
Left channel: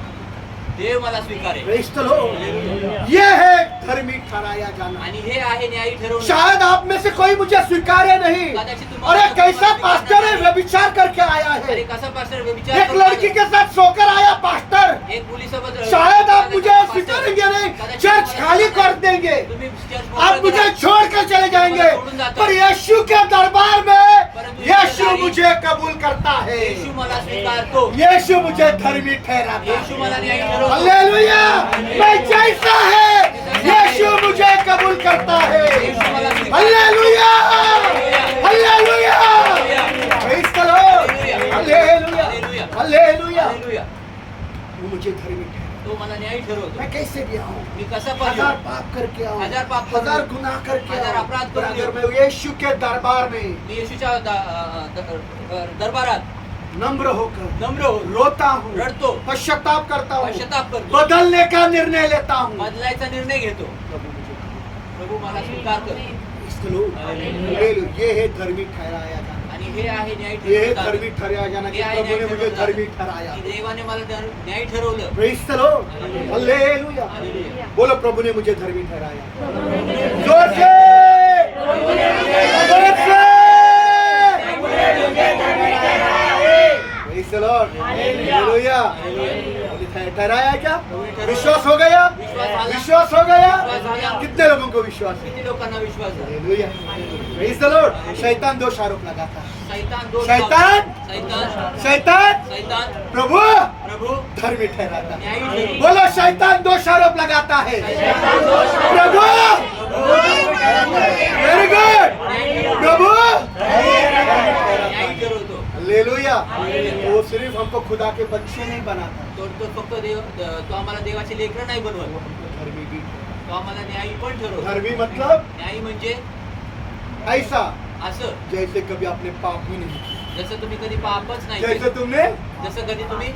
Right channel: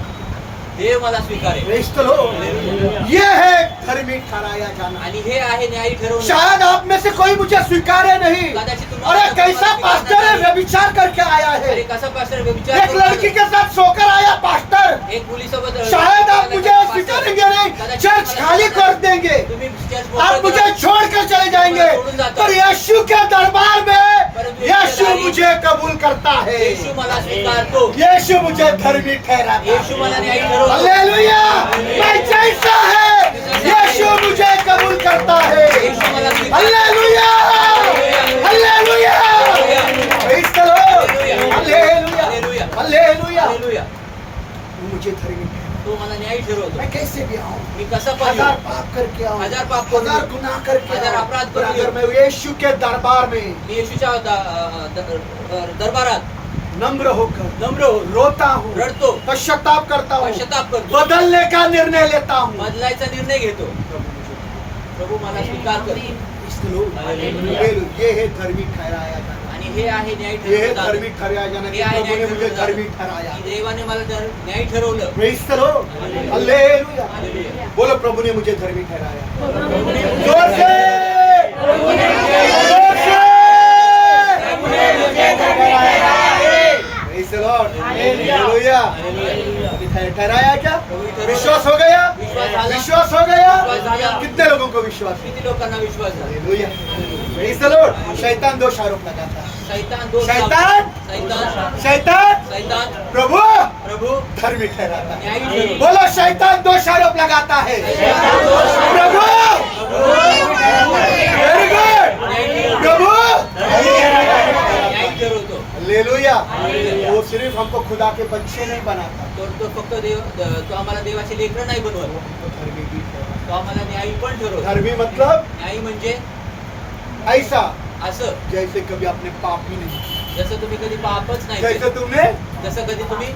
देव मला स्वीकारेल. Praise the Lord. ये है धर्मी ठहराया जाना। आणि हे आहे न्यायी ठरवणं. शायद आप में से कोई मुझे स्वीकारे नहीं। कदाचित तुम्हाला अरे कैसा पास्टर है, व्यभिचार करके आया अरे है, कसा पास्टर व्यभिचार एक करून लड़की आला. के साथ सोकर आया पास्टर। एक मुलीसोबत शायद आप मुझे पास्टर. स्वीकारेंगे नहीं, कदाचित चर्च तुम्हाला खाली कर देंगे, तुम्ही चर्च आप मोकळं मुझे करा. छोड़कर चले जाएंगे, पर यीशु के दरबार में यीशु मुझे कबूल करता है। येशू मला स्वीकारतो. यीशु मुझे धर्मी ठहराता येशू है। मला न्यायी ठरवतो. हालेलुया, मैं जैसा है यीशु मुझे कबूल करता है। येशू मला स्वीकारतो. Hallelujah, hallelujah, praise the Lord, hallelujah, hallelujah. Hallelujah. Hallelujah. वो मुझे धर्मी ठहराता तो मला न्यायी ठरवतो. मैं कैसे भी आऊं, मी कसा पण हजार येऊ. पाप करके आऊं, हजार पाप करून हजार येऊ. गुनाह करके हजार आऊं, अपराध पर करून अगर येऊ. मैं यीशु के दरबार में मी येशूच्या दरबारात नम्र होकर नम्र हो रोता हूँ, रडतो, पश्चाताप करता हूँ, पश्चाताप करतो, बदलने का निर्णय लेता हूँ, बदलायचा निर्णय घेतो. प्रभू मला स्वीकार कर. ये है धर्मी ठहराया जाना। आणि हे आहे न्याय ये है ठरवणं. धर्मी ठहराया जाना कि हे आहे प्रभु ने न्याय मुझे ठरवणं. धर्मी ठहराया। की देवाने मला न्याय ठरवलं. Praise the Lord, hallelujah. Hallelujah. बोलो प्रभु ने मुझे धर्मी ठहराया। जोर से, जोर से। Praise the Lord, hallelujah. ठहराया क्या? विश्वास हो गया? विश्वास झाला. विश्वास हो गया? विश्वास झाला. कितने लोगों को विश्वास है? किती लोकांना विश्वास झाला. Hallelujah, praise the Lord. शैतान दोष आरोप लगाता है। शैतान दोष शैतान? लावतो. शैतान शैतान शैतान प्रभु प्रभु धर्मी ठहराता है। न्यायी ठरवतो. बोलो शैतान दोष आरोप लगाता है। प्रभु वेरी गुड, प्रभु न्यायी ठरवतो. हालेलुया। हालेलुया. वो सिर्फ हमको खुदा के बच्चे नहीं बनाता, तो फक्त देव तो आम्हाला देवाचे लेकरं नाही वो बनवत. हमको धर्मी भी ठहराता तो आम्हाला न्यायी पण ठरवतो. है। धर्मी मतलब न्यायी म्हणजे ऐसा असं जैसे कभी आपने पाप ही नहीं किया, जसं तुम्ही कधी पापच नाही जैसे केलं. तुमने, जसं कधी तुम्ही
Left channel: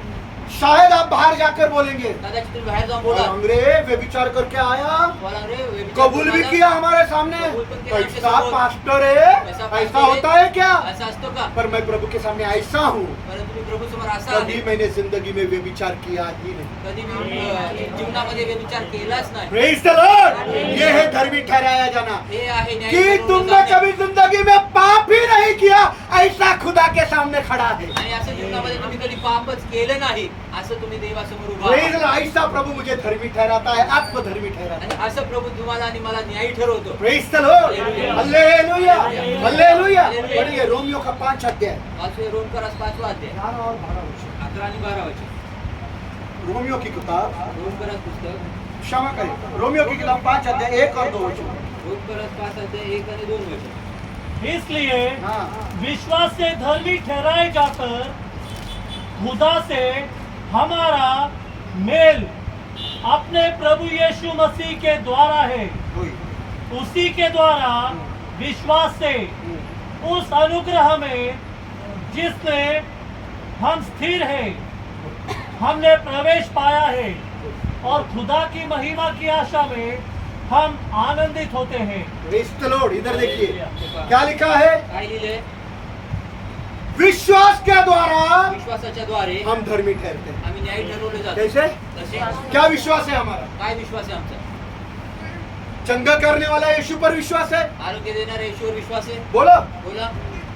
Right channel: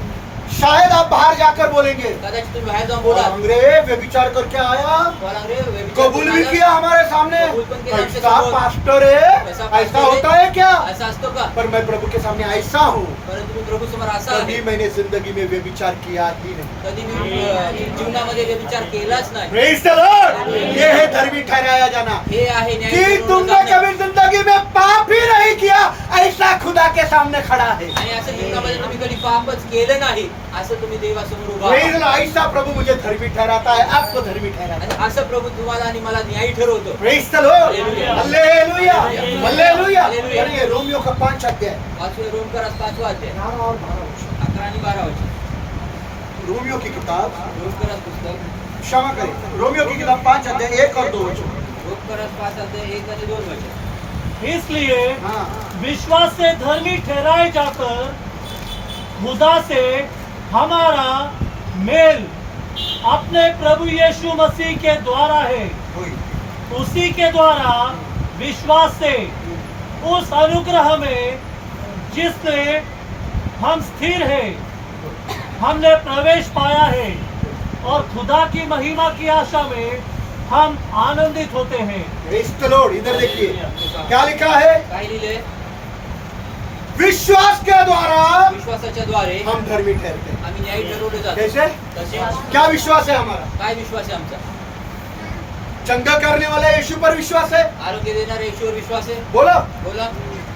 शायद आप बाहर जाकर बोलेंगे कदाचित तुम्ही बाहेर जाऊन बोला अंग्रेज व्यभिचार करके आया, बोला रे व्यभिचार कबूल करून भी आला. किया हमारे सामने, कबूल पण केलं आमच्या ऐसा समोर. पास्टर है, ऐसा ऐसा पास्टर होता है. है क्या? असं असतो का? पर मैं प्रभु के सामने ऐसा हूँ, परंतु मी प्रभू समोर असा आहे कभी मैंने जिंदगी में व्यभिचार किया ही नहीं। कधी मी जीवनामध्ये व्यभिचार केलाच नाही. प्रेज द लॉर्ड, ये है धर्मी ठहराया जाना हे आहे न्याय कि ठरवणं तुमने जाणं. कभी जिंदगी में पाप ही नहीं किया, ऐसा खुदा के सामने खड़ा है। आणि असं जीवनामध्ये तुम्ही कधी पापच केलं नाही असं तुम्ही देवासमोर उभा प्रेज आहात. द लॉर्ड, ऐसा प्रभु मुझे धर्मी ठहराता है, आपको धर्मी ठहराता आणि असं प्रभू तुम्हाला आणि मला न्यायी ठरवतो. Praise the Lord, Hallelujah. Hallelujah, Hallelujah. Hallelujah. Hallelujah. पढ़िए रोमियो का 5 अध्याय पाचवे रोमकरास 5वा अध्याय 11 और 12 वचन. 11 आणि 12 वचन. रोमियो की किताब, रोमकरास पुस्तक क्षमा करें, रोमियो की किताब 5 अध्याय 1 और 2 वचन. रोमकरास 5 अध्याय 1 आणि 2 वचन. इसलिए हाँ, विश्वास से धर्मी ठहराए जाकर खुदा से हमारा मेल अपने प्रभु यीशु मसीह के द्वारा है. कोई उसी के द्वारा विश्वास से उस अनुग्रह में जिसने हम स्थिर है हमने प्रवेश पाया है और खुदा की महिमा की आशा में हम आनंदित होते हैं. Praise the Lord. इधर देखिए क्या लिखा है, काय लिहिले? विश्वास के द्वारा विश्वासाच्या द्वारे हम धर्मी ठहरते हैं. आम्ही न्यायी ठरवले जातो. कैसे? तसे क्या विश्वास है हमारा? काय विश्वास आहे आमचा? चंगा करने वाला यीशु पर विश्वास है. आरोग्य देणाऱ्या येशूवर विश्वास आहे. बोलो, बोला,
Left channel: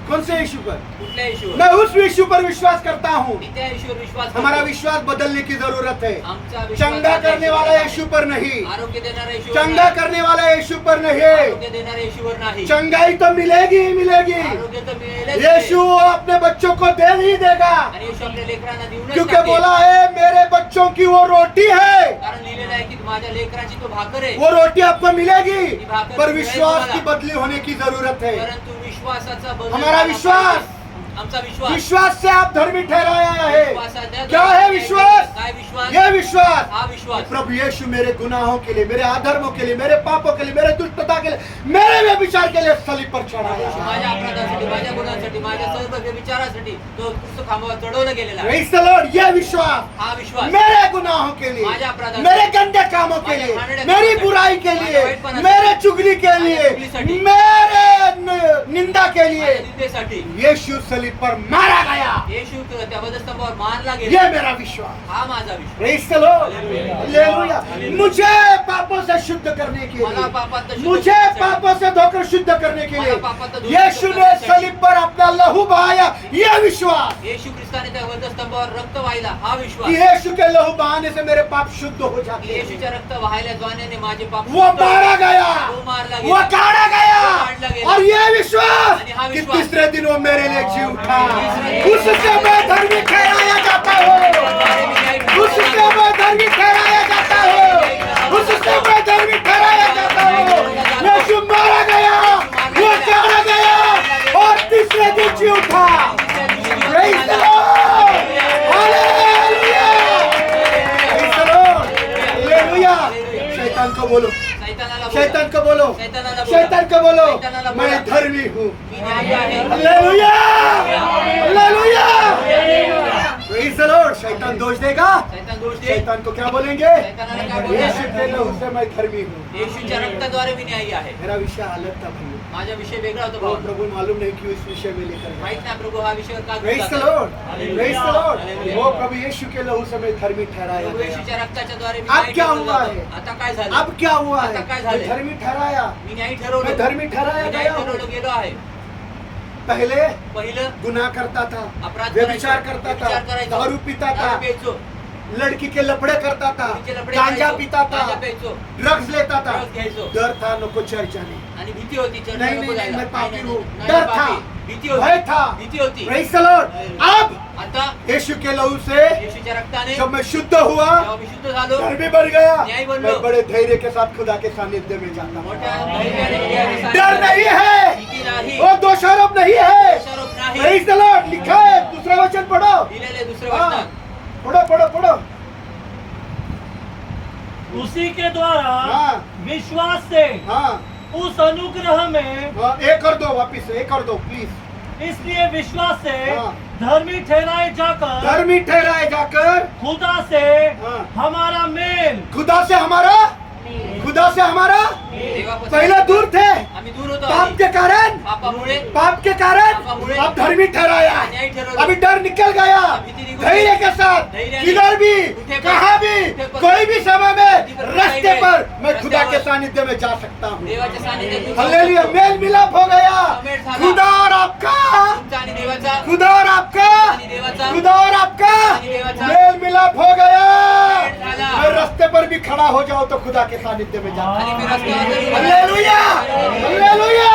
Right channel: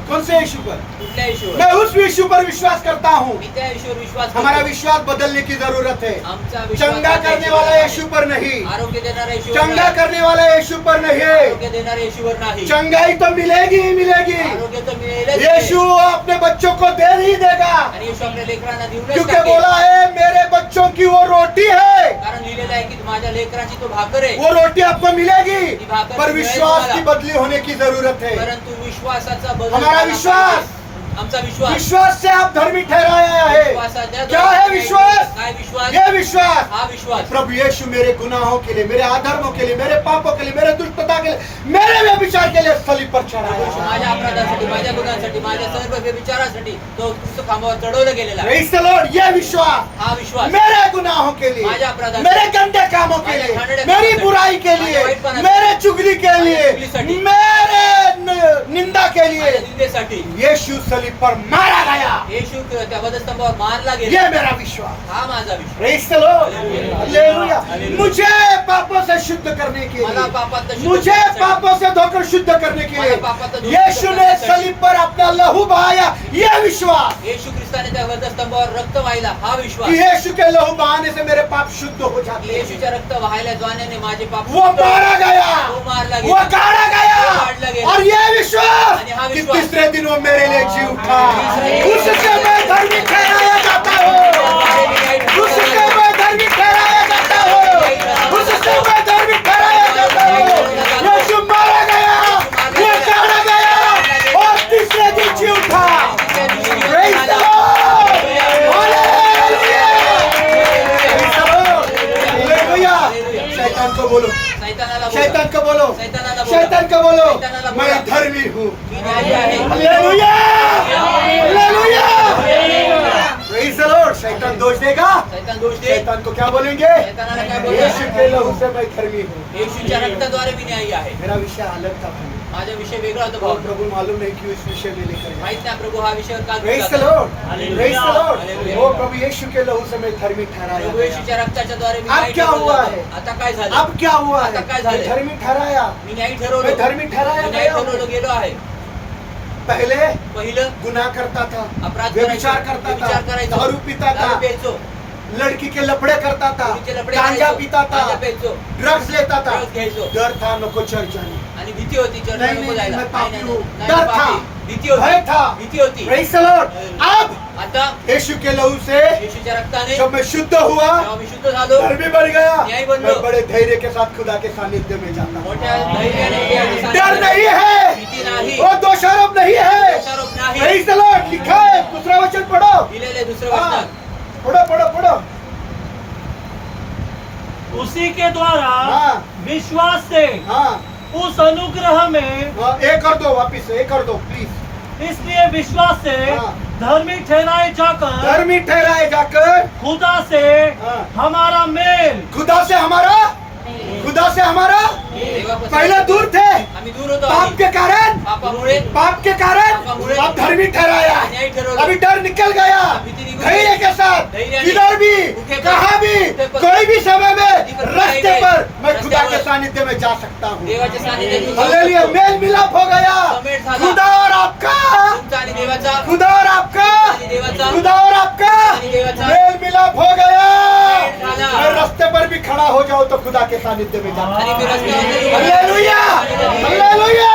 कौन से यीशु पर? कुठल्या येशूवर? मैं उस यीशु पर विश्वास करता हूँ. मी त्या येशूवर विश्वास करतो. हमारा विश्वास बदलने की जरूरत है. आमचा विश्वास चंगा करने वाला आहे. यीशु पर नहीं, आरोग्य देणाऱ्या येशूवर चंगा नाही. करने वाला यीशु पर नहीं. आरोग्य देणाऱ्या येशूवर नाही. चंगाई तो मिलेगी ही मिलेगी. आरोग्य तर मिळेलच यीशु नाही. अपने बच्चों को दे ही देगा, आणि येशू आपल्या लेकरांना देऊनच क्योंकि टाकेल. बोला है मेरे बच्चों की वो रोटी है. कारण लिहिलेलं आहे की माझ्या लेकरांची तो भाकर आहे. वो रोटी आपको मिलेगी, ती भाकर पर मिळेल विश्वास तुम्हाला. की बदली होने की जरूरत है. परंतु विश्वासाचा बदल हमारा झाला विश्वास. पाहिजे. आमचा विश्वास. विश्वास से आप धर्मी ठहराया है. विश्वासाच्या क्या है विश्वास? काय विश्वास? ये विश्वास, हा विश्वास. प्रभु यीशु मेरे गुनाहों के लिए, मेरे अधर्मों के लिए, मेरे पापों के लिए, मेरे दुष्टता के लिए, मेरे व्यभिचार के लिए सलीब पर चढ़ाया. माझ्या अपराधासाठी, माझ्या गुन्ह्यांसाठी, माझ्या सर्व व्यभिचारासाठी तो क्रूस खांबावर चढवलं गेलेला आहे. Praise the Lord. ये विश्वास हा विश्वास मेरे गुनाहों के लिए, माझ्या अपराधासाठी, मेरे गंदे कामों के माझ्या लिए, घाणेरड्या मेरी कामासाठी, बुराई के माझ्या लिए, वाईटपणासाठी, मेरे चुगली के माझ्या लिए, चुगलीसाठी, मेरे निंदा के माझ्या लिए निंदेसाठी यीशु सलीब पर मारा गया. येशू त्या वधस्तंभावर मारला गेला. ये मेरा विश्वास. हा माझा विश्वास. Praise the Lord. Hallelujah. Hallelujah. Hallelujah. मुझे पापों से शुद्ध करने के मला लिए, पापातनं शुद्ध मुझे करण्यासाठी, पापों से धोकर शुद्ध करने के मला पापातनं लिए धोकर यीशु ने करण्यासाठी, सलीब पर अपना लहू बहाया. ये विश्वास येशू ख्रिस्ताने त्या वधस्तंभावर रक्त वाहिला. हा विश्वास. कि यीशु के लहू बहाने से मेरे पाप शुद्ध हो जाते हैं. येशूच्या रक्त वाहायला जाण्याने माझे पाप वो शुद्ध मारा गया, वो मारला वो गेला. काढ़ा वो काढ़ला गया. गेला. और ये विश्वास आणि हा कि विश्वास तीसरे दिन वो मेरे लिए जी उठा. तीसरे दिन उससे मैं धर्मी ठहराया जाता हूँ. उससे मैं धर्मी ठहराया जाता हूँ. उससे मैं धर्मी ठहराया जाता हूँ. यीशु मारा गया, वो काढ़ा गया और तीसरे दिन जी उठा. Praise the Lord. Hallelujah. Praise the Lord. Hallelujah. शैतान को बोलो, शैतानाला बोला. शैतान को बोलो, शैतानाला बोला. शैतान को बोलो, शैतानाला बोला. मैं धर्मी हूँ. मी न्यायी आहे. Hallelujah, hallelujah. Praise the Lord. शैतान दोष देगा. शैतान दोष दे. शैतान को क्या बोलेंगे? शैतानाला काय बोलणार? यीशु के लहू से मैं धर्मी हूँ. येशूच्या रक्ताद्वारे मी न्यायी आहे. मेरा विषय अलग था भाई. माझा विषय वेगळा होता तो भाऊ. प्रभु मालूम नहीं क्यों इस विषय में लेकर माहित गया. नाही प्रभू हा विषय का घेऊन Praise the जातो. Lord. Hallelujah. Praise the Lord. Hallelujah. वो प्रभु यीशु के लहू से मैं धर्मी ठहराया प्रभू गया. येशूच्या रक्ताच्या द्वारे मी अब न्यायी क्या ठरवलं हुआ जातो. है? आता काय झालं? अब क्या हुआ है? आता काय मैं झालंय? धर्मी ठहराया. मी न्यायी ठरवलं. मैं धर्मी ठहराया मी न्यायी गया हूँ. ठरवलं गेलो आहे. पहले पहिलं गुनाह करता था, अपराध व्यभिचार करायचो. करता व्यभिचार था, करायचो. दारू पीता था, दारू प्यायचो. लड़की के लफड़े करता था, मुलीचे लफडे गांजा करायचो. पीता गांजा था, प्यायचो. ड्रग्स लेता था. ड्रग्स घ्यायचो. डर था नको चर्च जाने. आणि भीती होती चर्चला नहीं, नको नहीं, जायला. मैं पापी नाही, हूँ. नाही, डर नाही, था. पापी. भीती होती. भय था. भीती होती. Praise the Lord. अब आता यीशु के लहू से येशूच्या रक्ताने जब मैं शुद्ध हुआ, जेव्हा मी शुद्ध झालो, धर्मी बन गया, न्यायी बनलो. मैं बड़े धैर्य के साथ खुदा के सानिध्य में जाता हूँ. मोठ्या धैर्याने देवाच्या डर सानिध्यात नहीं है, भीती नाही. वो दोषारोप नहीं है. दोषारोप नाही. Praise the Lord. लिखा है, दूसरा वचन पढ़ो. दिलेले दुसरं हाँ, वचन. पढ़ो पढ़ो पढ़ो. उसी के द्वारा हाँ. विश्वास से हाँ, उस अनुग्रह में, हाँ, एक और दो वापिस, एक और दो प्लीज. इसलिए विश्वास से हाँ. धर्मी ठहराए जाकर धर्मी ठहराए जाकर खुदा से हाँ. हमारा मेल, खुदा से हमारा, खुदा से हमारा देवापासून पहले दूर थे आम्ही दूर होतो. पाप आधी. के कारण, पापामुळे पाप के कारण पापामुळे अब धर्मी ठहराया. न्यायी ठरवलं. अभी डर निकल गया, धैर्य के साथ धैर्याने, किधर भी कुठे पण, कहाँ भी कुठे पण, कोई भी समय में कधी पण, रास्ते काही पर वेळ, मैं खुदा के रस्त्यावर सानिध्य में जा सकता हूँ। देवाच्या सानिध्यात तू जाऊ हालेलुया, शकतो. मेल मिलाप हो गया समेट झाला. खुदा और आपका, तुमचा आणि देवाचा खुदा और आपका, आणि देवाचा खुदा और आपका आणि देवाचा मेल मिलाप हो गया। मेल झाला. मैं रास्ते पर भी खड़ा हो जाऊं तो खुदा के सानिध्य में जाता आणि हूं। मी रस्त्यावर जरी उभा हालेलुया, राहिलो, हालेलुया,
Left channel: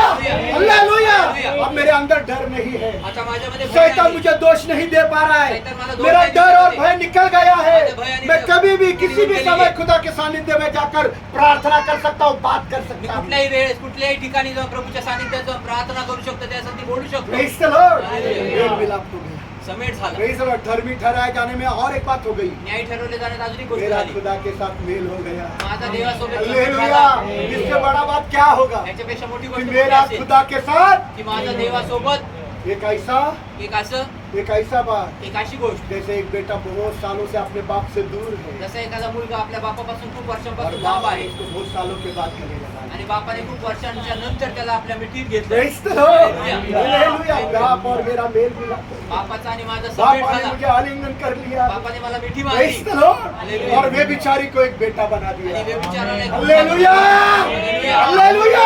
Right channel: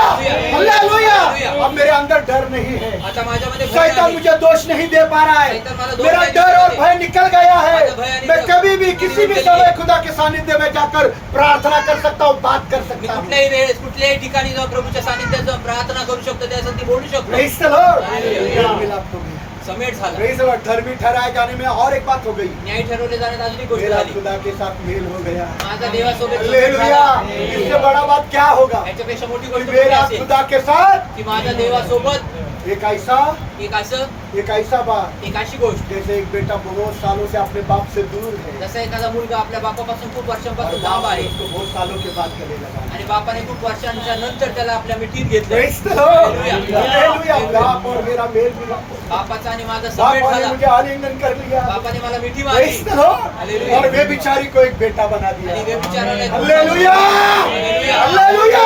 हालेलुया। हालेलुया। अब मेरे अंदर डर नहीं है, आता माझ्यामध्ये भय शैतान नाही. मुझे दोष नहीं दे पा रहा है, शैतान मला दोष मेरा नाही डर देत और आहे. भय निकल गया है। माझं भय आणि मैं कभी भी किसी भी निघून गेली समय आहे. खुदा के सानिध्य में जाकर प्रार्थना कर सकता हूँ, बात कर मी सकता हूँ। कुठल्याही वेळेस कुठल्याही ठिकाणी जाऊन प्रभूच्या सानिध्यात जाऊन प्रार्थना करू शकतो त्यासाठी बोलू शकतो. Praise the Lord. हालेलुया. मेल मिलाप हो गया। समेट झाला. Praise the Lord. धर्मी ठहराए जाने में और एक बात हो गई, न्याय ठरवले जाण्यात अजून एक गोष्ट मेरा झाली. खुदा के साथ मेल हो गया। माझा देवासोबत समेट हालेलुया। झाला. इससे बड़ा बात क्या होगा याच्यापेक्षा मोठी कि गोष्ट मेरा कोणती असेल? खुदा के साथ की माझा देवासोबत एक ऐसा एक ऐसा बात, एक अशी गोष्ट जैसे एक बेटा बहुत सालों से अपने बाप से दूर है जसा एखादा मुलगा आपल्या बापापासून खूप और वर्षांपासून बाप लांब आहे उसको बहुत सालों के बाद गले लगा। आणि बापाने खूप वर्षांच्या नंतर त्याला आपल्या मिठीत घेतलं. Praise the Lord. Hallelujah. Hallelujah. बाप और मेरा मेल मिला, बापाचा आणि माझा समेट बाप ने झाला. मुझे आलिंगन कर लिया। बापाने मला मिठी Praise मारली the Lord. हालेलुया. और वे बिचारी को एक बेटा बना दिया। आणि व्यभिचाराला एक हालेलुया, हालेलुया. हालेलुया।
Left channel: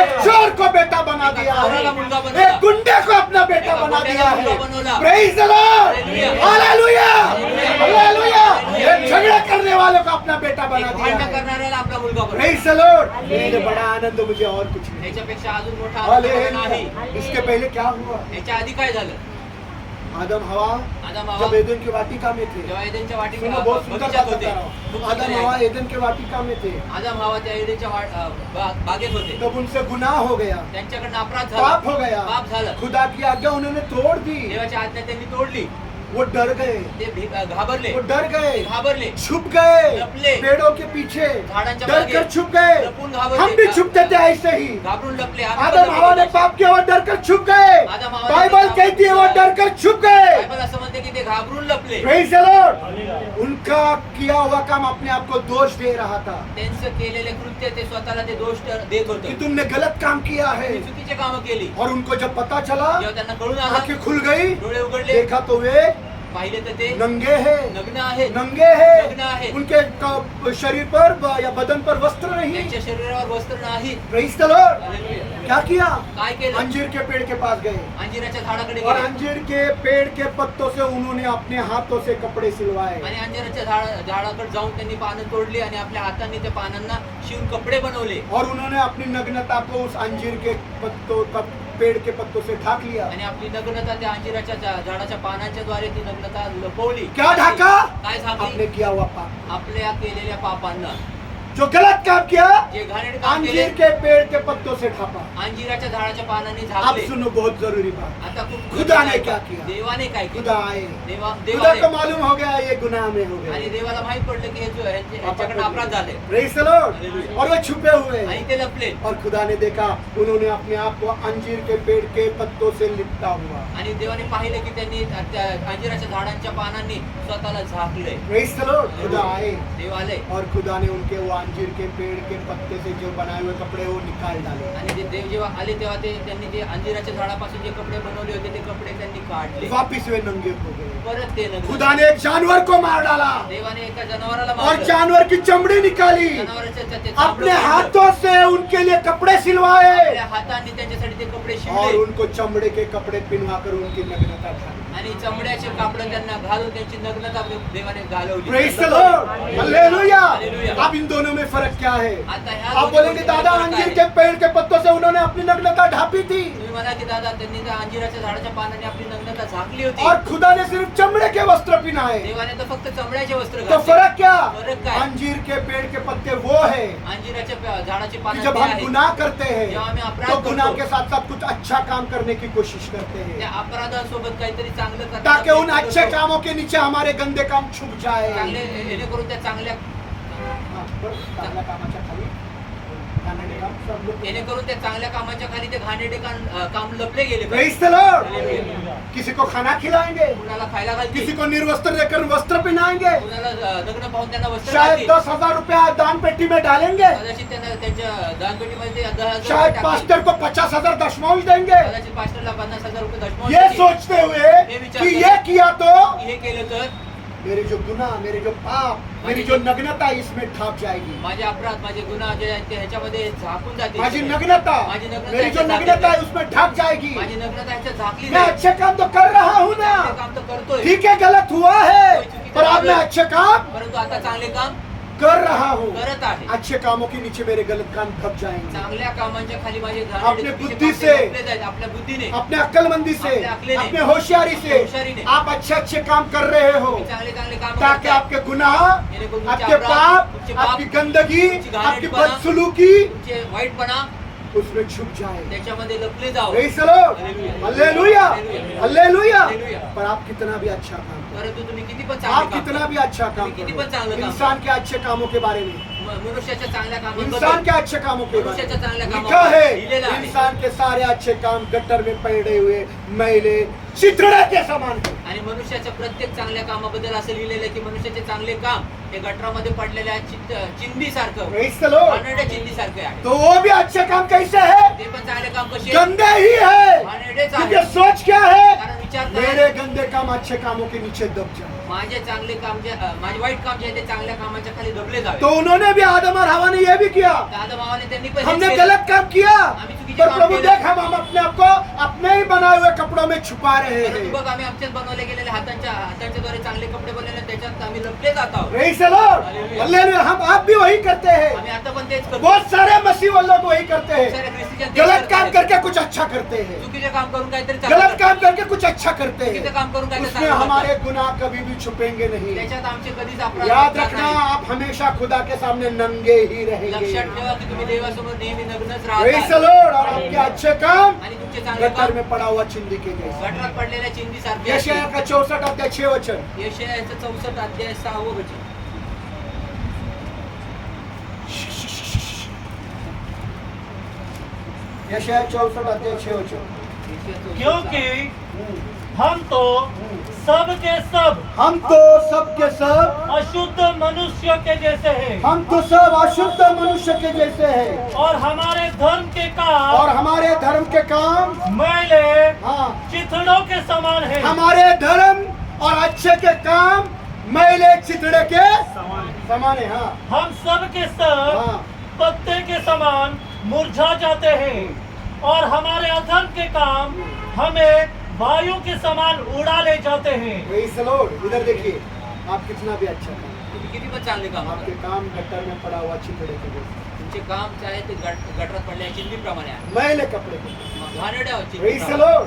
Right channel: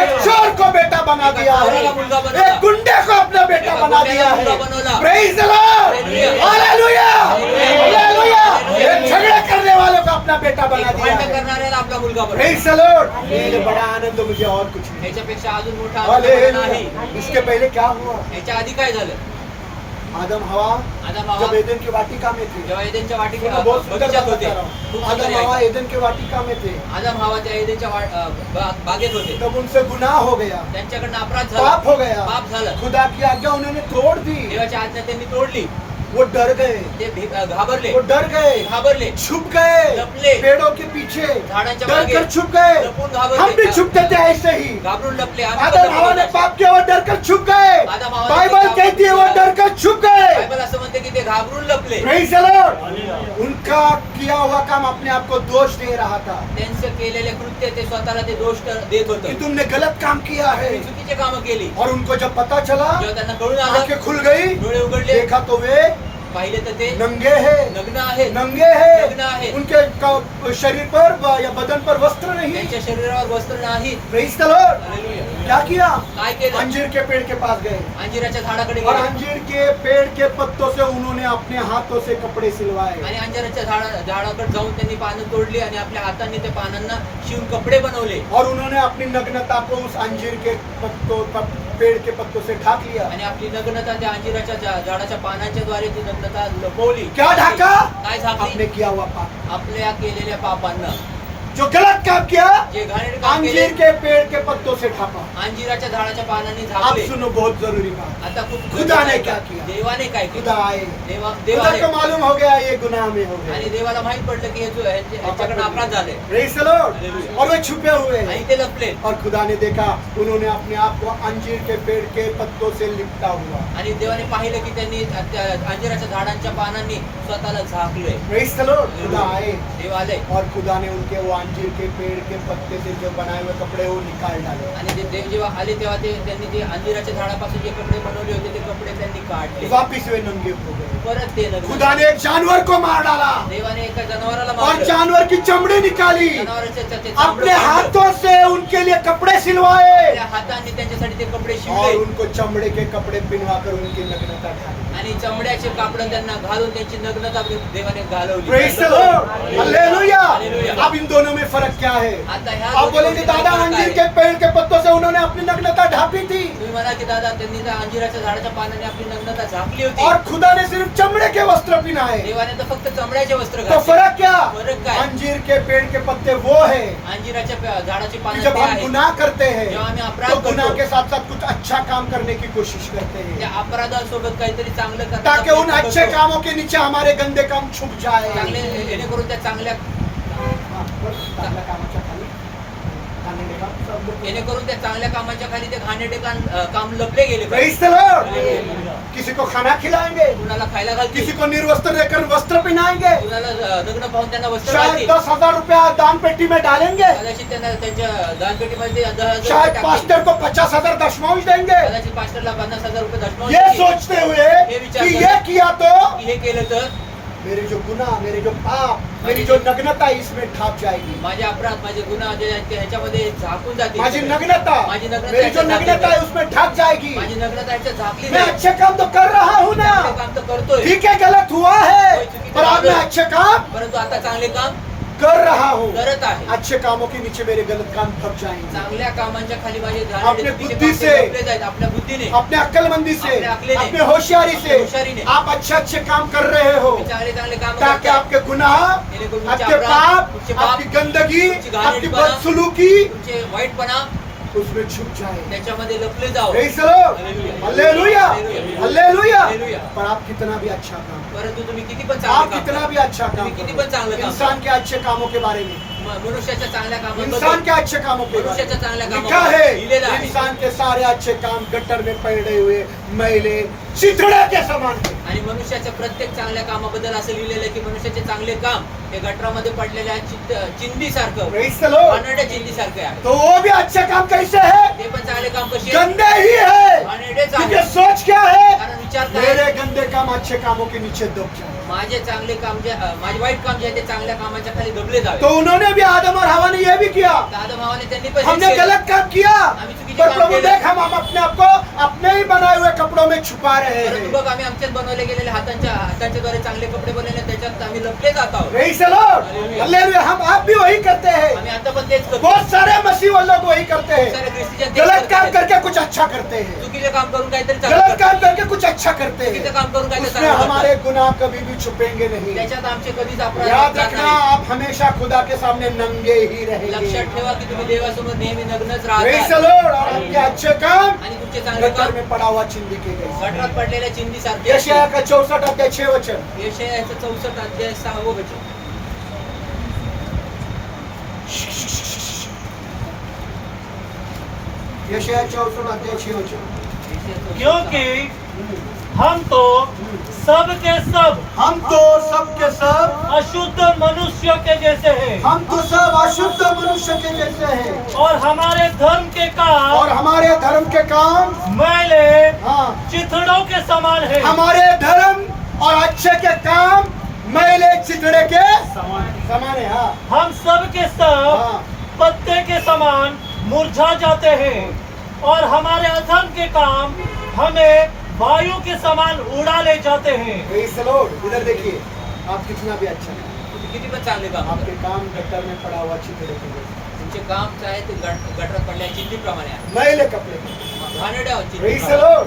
एक चोर को बेटा बना दिया है, चोराला मुलगा बनवला. एक गुंडे को अपना बेटा एका बना दिया गुंड्याला मुलगा है। बनवला. Praise the Lord. Hallelujah. Hallelujah, hallelujah. Hallelujah. Hallelujah. एक झगड़ा करने वालों को अपना बेटा बना एक दिया भांडण है। करणाऱ्याला आपला मुलगा बनवला. Praise the Lord. इससे बड़ा आनंद मुझे और कुछ नहीं। ह्याच्यापेक्षा अजून मोठा आनंद मला नाही. हालेलुया। इसके पहले क्या हुआ? ह्याच्या आधी काय झालं? आदम हवा आदम हवा जब एदन की वाटिका में थे, जेव्हा एदेनच्या वाटी सुनो, बहुत सुंदर बगीचात बात होते. बता रहा हूँ। खूप सुंदर आदम आहे. हवा एदन के वाटिका में थे, आदम हवा त्या एदेनच्या बागेत होते. तब उनसे गुनाह हो गया, त्यांच्याकडनं अपराध झाला. पाप हो गया, पाप झालं. खुदा की आज्ञा उन्होंने तोड़ दी। देवाची आज्ञा त्यांनी तोडली. वो डर गए, ते घाबरले. वो डर गए, घाबरले. छुप गए लपले. पेड़ों के पीछे, झाडांच्या डर मागे कर छुप गए। लपून घाबरले. हम भी छुपते थे ऐसे ही। घाबरून लपले. आम्ही पण आदम हवा ने लपलो. पाप किया, वो डर कर छुप गए। आदम हवा ने बाइबल पाप कहती है वो किया. डर कर छुप गए। बायबल असं म्हणते की ते घाबरून लपले. Praise the Lord. उनका किया हुआ काम अपने आप को दोष दे रहा था त्यांचं केलेले कृत्य ते स्वतःला ते दोष देत कि होतं. तुमने गलत काम किया है। तुम्ही चुकीचे कामं केली. और उनको जब पता चला, जेव्हा त्यांना कळून आलं, आंखें खुल गई, डोळे उघडले, देखा तो वे पाहिले तर ते नंगे हैं, नग्न आहेत. नंगे हैं। नग्न आहेत. उनके शरीर पर या बदन पर वस्त्र नहीं। त्यांच्या शरीरावर वस्त्र नाहीत. Praise the Lord. हालेलुया. क्या किया? काय केलं? अंजीर के पेड़ के पास गए अंजिराच्या झाडाकडे और गेले अंजीर के पेड़ के पत्तों से उन्होंने अपने हाथों से कपड़े सिलवाए। आणि अंजिराच्या झाडाकडे जाऊन त्यांनी पानं तोडली आणि आपल्या हातांनी त्या पानांना शिवून कपडे बनवले और उन्होंने अपनी नग्नता को उस अंजीर के पेड़ के पत्तों से ढाक लिया। आणि आपली नग्नता त्या अंजिराच्या झाडाच्या पानांच्या द्वारे ती नग्नता लपवली. क्या ढाका? काय आपने झाकली? किया हुआ पाप, आपल्या केलेल्या पापांना, जो गलत काम किया, जे घाणेरडे काम केले, अंजीर के पेड़ के पत्तों से ढाका। अंजिराच्या झाडाच्या पानांनी अब झाकले. सुनो बहुत जरूरी बात, आता खूप खुदा ने गरजेचं आहे क्या का? किया? देवाने काय खुदा केलं? आए, देवा खुदा को देवाने मालूम हो गया ये गुनाह में हो आणि गए। देवाला माहित पडलं की हे जो यांच्याकडे अपराध झाले Praise the Lord. हालेलुया. और वे छुपे हुए आणि हैं। ते लपले. और खुदा ने देखा उन्होंने अपने आप को अंजीर के पेड़ के पत्तों से लिपटा हुआ। आणि देवाने पाहिलं की त्यांनी त्या अंजिराच्या झाडांच्या पानांनी स्वतःला झाकले. Praise the Lord. खुदा आए देव आले और खुदा ने उनके वो अंजीर के पेड़ के पत्ते से जो बनाए हुए कपड़े वो निकाल डाले। आणि ते देव जेव्हा आले तेव्हा त्यांनी ते अंजिराच्या झाडापासून जे कपडे बनवले होते ते कपडे त्यांनी काढले. वापिस वे नंगे हो गए। परत ते नग्न. खुदा ने एक जानवर को मार डाला देवाने एका जनावराला और मारलं. जानवर की चमड़ी निकाली, जनावराचं ते अपने चामडं हाथों से उनके लिए कपड़े सिलवाए आपल्या हातांनी त्यांच्यासाठी ते कपडे और शिवले उनको चमड़े के कपड़े पहनवा कर उनकी नग्नता ढाली। आणि चमड्याचे कापड त्यांना घालून त्यांची नग्नता देवाने घालवली. Praise the Lord. Hallelujah. Hallelujah. अब इन दोनों में फर्क क्या है? आता ह्या आप दोन्ही बोलेंगे गोष्टीत दादा फरक अंजीर आहे. के पेड़ के पत्तों से उन्होंने अपनी नग्नता ढापी थी तुम्ही म्हणा की दादा त्यांनी त्या अंजिराच्या झाडाच्या पानाने आपली नग्नता झाकली होती. और खुदा ने सिर्फ चमड़े के वस्त्र पहनाए। देवाने तर फक्त चमड्याचे वस्त्र तो घातले. फर्क क्या? फरक काय? अंजीर के पेड़ के पत्ते वो है अंजिराच्या झाडाची कि पानं जब ते हम आहेत. गुनाह करते हैं जेव्हा आम्ही अपराध तो गुनाह करतो, के साथ साथ कुछ अच्छा काम करने की कोशिश करते त्या हैं अपराधासोबत काहीतरी चांगलं करण्याचा ताकि उन प्रयत्न अच्छे करतो. कामों के नीचे हमारे गंदे काम छुप जाए। चांगले जेणेकरून त्या चांगल्या चांगल्या कामाच्या खाली घाणेरडे काम सब लोग जेणेकरून त्या चांगल्या कामाच्या खाली ते घाणेरडे काम लपले गेले पाहिजे. Praise the Lord. हालेलुया. किसी को खाना खिलाएंगे, कुणाला खायला घालतील, किसी को निर्वस्त्र देकर वस्त्र पहनाएंगे, कुणाला नग्न पाहून त्यांना वस्त्र शायद घालतील. 10,000 रुपया दान पेटी में डालेंगे, कदाचित त्यांना त्यांच्या दानपेटीमध्ये 10,000 रुपये शायद टाकतील. पास्टर को 50,000 दशमांश देंगे। कदाचित पास्टरला 50,000 रुपये दशमांश ये देतील. सोचते हुए ये विचार कि करें। ये किया तो हे केलं तर मेरे जो गुनाह, मेरे जो पाप, मेरी जो नग्नता इसमें ढाप जाएगी। माझे अपराध, माझे गुन्हा जे आहेत ते ह्याच्यामध्ये झाकून जातील. माझी नग्नता, माझी नग्नता मेरी जो ह्याच्यात नग्नता है झाकली उसमें ढाप जाएगी। माझी नग्नता ह्याच्यात झाकली मैं जाईल. अच्छे काम तो कर रहा हूँ ना, चांगले काम तर करतोय, ठीक है गलत हुआ है, कोई चुकी पर अब मैं तो अच्छे काम परंतु आता चांगले काम कर रहा हूँ। करत आहे. अच्छे कामों के नीचे मेरे गलत काम ढप जाएंगे। चांगल्या कामांच्या खाली माझे अपने बुद्धि से, आपल्या बुद्धीने, अपने अक्लमंदी से, अपने अक्लेने, अपने होशियारी अपने से होशियारीने आप अच्छे अच्छे काम कर रहे हो, तुम्ही चांगले चांगले काम ताकि आपके गुनाह, जेणेकरून आपके पाप, आपकी गंदगी, तुमची आपकी घाणेरडीपणा, बदसलूकी तुमचे वाईटपणा उसमें छुप जाए। त्याच्यामध्ये लपले जाओ. Praise the Lord. Hallelujah. Hallelujah, Hallelujah. Hallelujah. Hallelujah. पर आप कितना भी अच्छा काम करो, परंतु तुम्ही किती पण आप चांगले काम कितना करा. भी अच्छा काम तुम्ही किती पण चांगलं करो, काम इंसान के अच्छे कामों के बारे में, मनुष्याच्या चांगल्या इंसान कामाबद्दल के अच्छे कामों के बारे मनुष्याच्या में चांगल्या लिखा कामाबद्दल लिहिलेलं है, आहे. इंसान के सारे अच्छे काम गटर में पड़े हुए मैले चिथड़े के समान है। आणि मनुष्याच्या प्रत्येक चांगल्या कामाबद्दल असं लिहिलेलं आहे की मनुष्याचे चांगले काम हे गटरामध्ये पडलेल्या चिंदी सारखं, Praise the Lord. घाणेरड्या चिंदी सारखे आहे. तो वो भी अच्छे काम कैसे है? ते पण चांगले काम कसे गंदे ही है, घाणेरडेच क्योंकि आहे. सोच क्या है, कारण विचार काय, मेरे गंदे काम अच्छे कामों के नीचे दब जाए। माझे चांगले काम जे माझे वाईट काम जे आहे ते चांगल्या कामाच्या खाली दबले जावे. तो उन्होंने भी आदम और हवा ने यह भी किया, दादा मामाने त्यांनी पण हेच हमने केलं. गलत काम किया, आम्ही चुकीचे पर काम प्रभु केले. देख हम अपने आप को अपने ही बनाए हुए कपड़ों में छुपा रहे परंतु हैं। बघ आम्ही आमच्याच बनवले गेलेले हातांच्या द्वारे चांगले कपडे बनवले त्याच्यात आम्ही लपले जात आहोत. Praise the Lord. Hallelujah. Hallelujah. हम आप भी वही करते हैं, आम्ही आता पण तेच करतो. बहुत सारे मसीह वाले लोग वही करते खूप हैं, सारे ख्रिस्तीजन तेच गलत काम करतात. करके कुछ अच्छा करते हैं, चुकीचे काम करून काहीतरी चांगलं गलत काम करतात. करके कुछ अच्छा करते चुकीचं हैं, काम करून काहीतरी उसमें चांगलं हमारे करतात. गुनाह कभी भी छुपेंगे नहीं। त्याच्यात आमचे कधीच अपराध याद होणार रखना, नाही. आप हमेशा खुदा के सामने नंगे ही रहेंगे। लक्षात ठेवा की तुम्ही देवासमोर नेहमी नग्नच Praise the राहता Lord. और आपके अच्छे काम आणि तुमचे चांगले गटर काम में पड़ा हुआ चिंदी के जैसे। गटरात पडलेल्या चिंदी सारखे यशायाह का 64 अध्याय 6 वचन। यशायाचं 64 अध्याय 6 वचन. यशायाह 64 अध्याय 6 वचन। यशायाचं 64. क्योंकि हम तो सब के सब हम तो सब के सब, अशुद्ध मनुष्य के जैसे हैं हम तो सब अशुद्ध मनुष्य के जैसे हैं, और हमारे धर्म के काम और हमारे धर्म के काम, मैले हाँ, चिथड़ों के समान है। हमारे धर्म और अच्छे के काम मैले चितड़े के समान है। हाँ, हम सब के सब हाँ, पत्ते के समान मुरझा जाते हैं और हमारे अधर्म के काम हमें वायु के समान उड़ा ले जाते हैं। Praise the Lord. इधर देखिए, आप कितना भी अच्छा करें, तुम्ही किती पण चांगले काम आपके करा. काम गटर में पड़ा हुआ चितड़े के जैसे, तुमचे काम जे आहे ते गटरात पडलेल्या चिंदीप्रमाणे आहे. मैले कपड़े के। घाणेरड्या Praise the चिंदीप्रमाणे. Lord.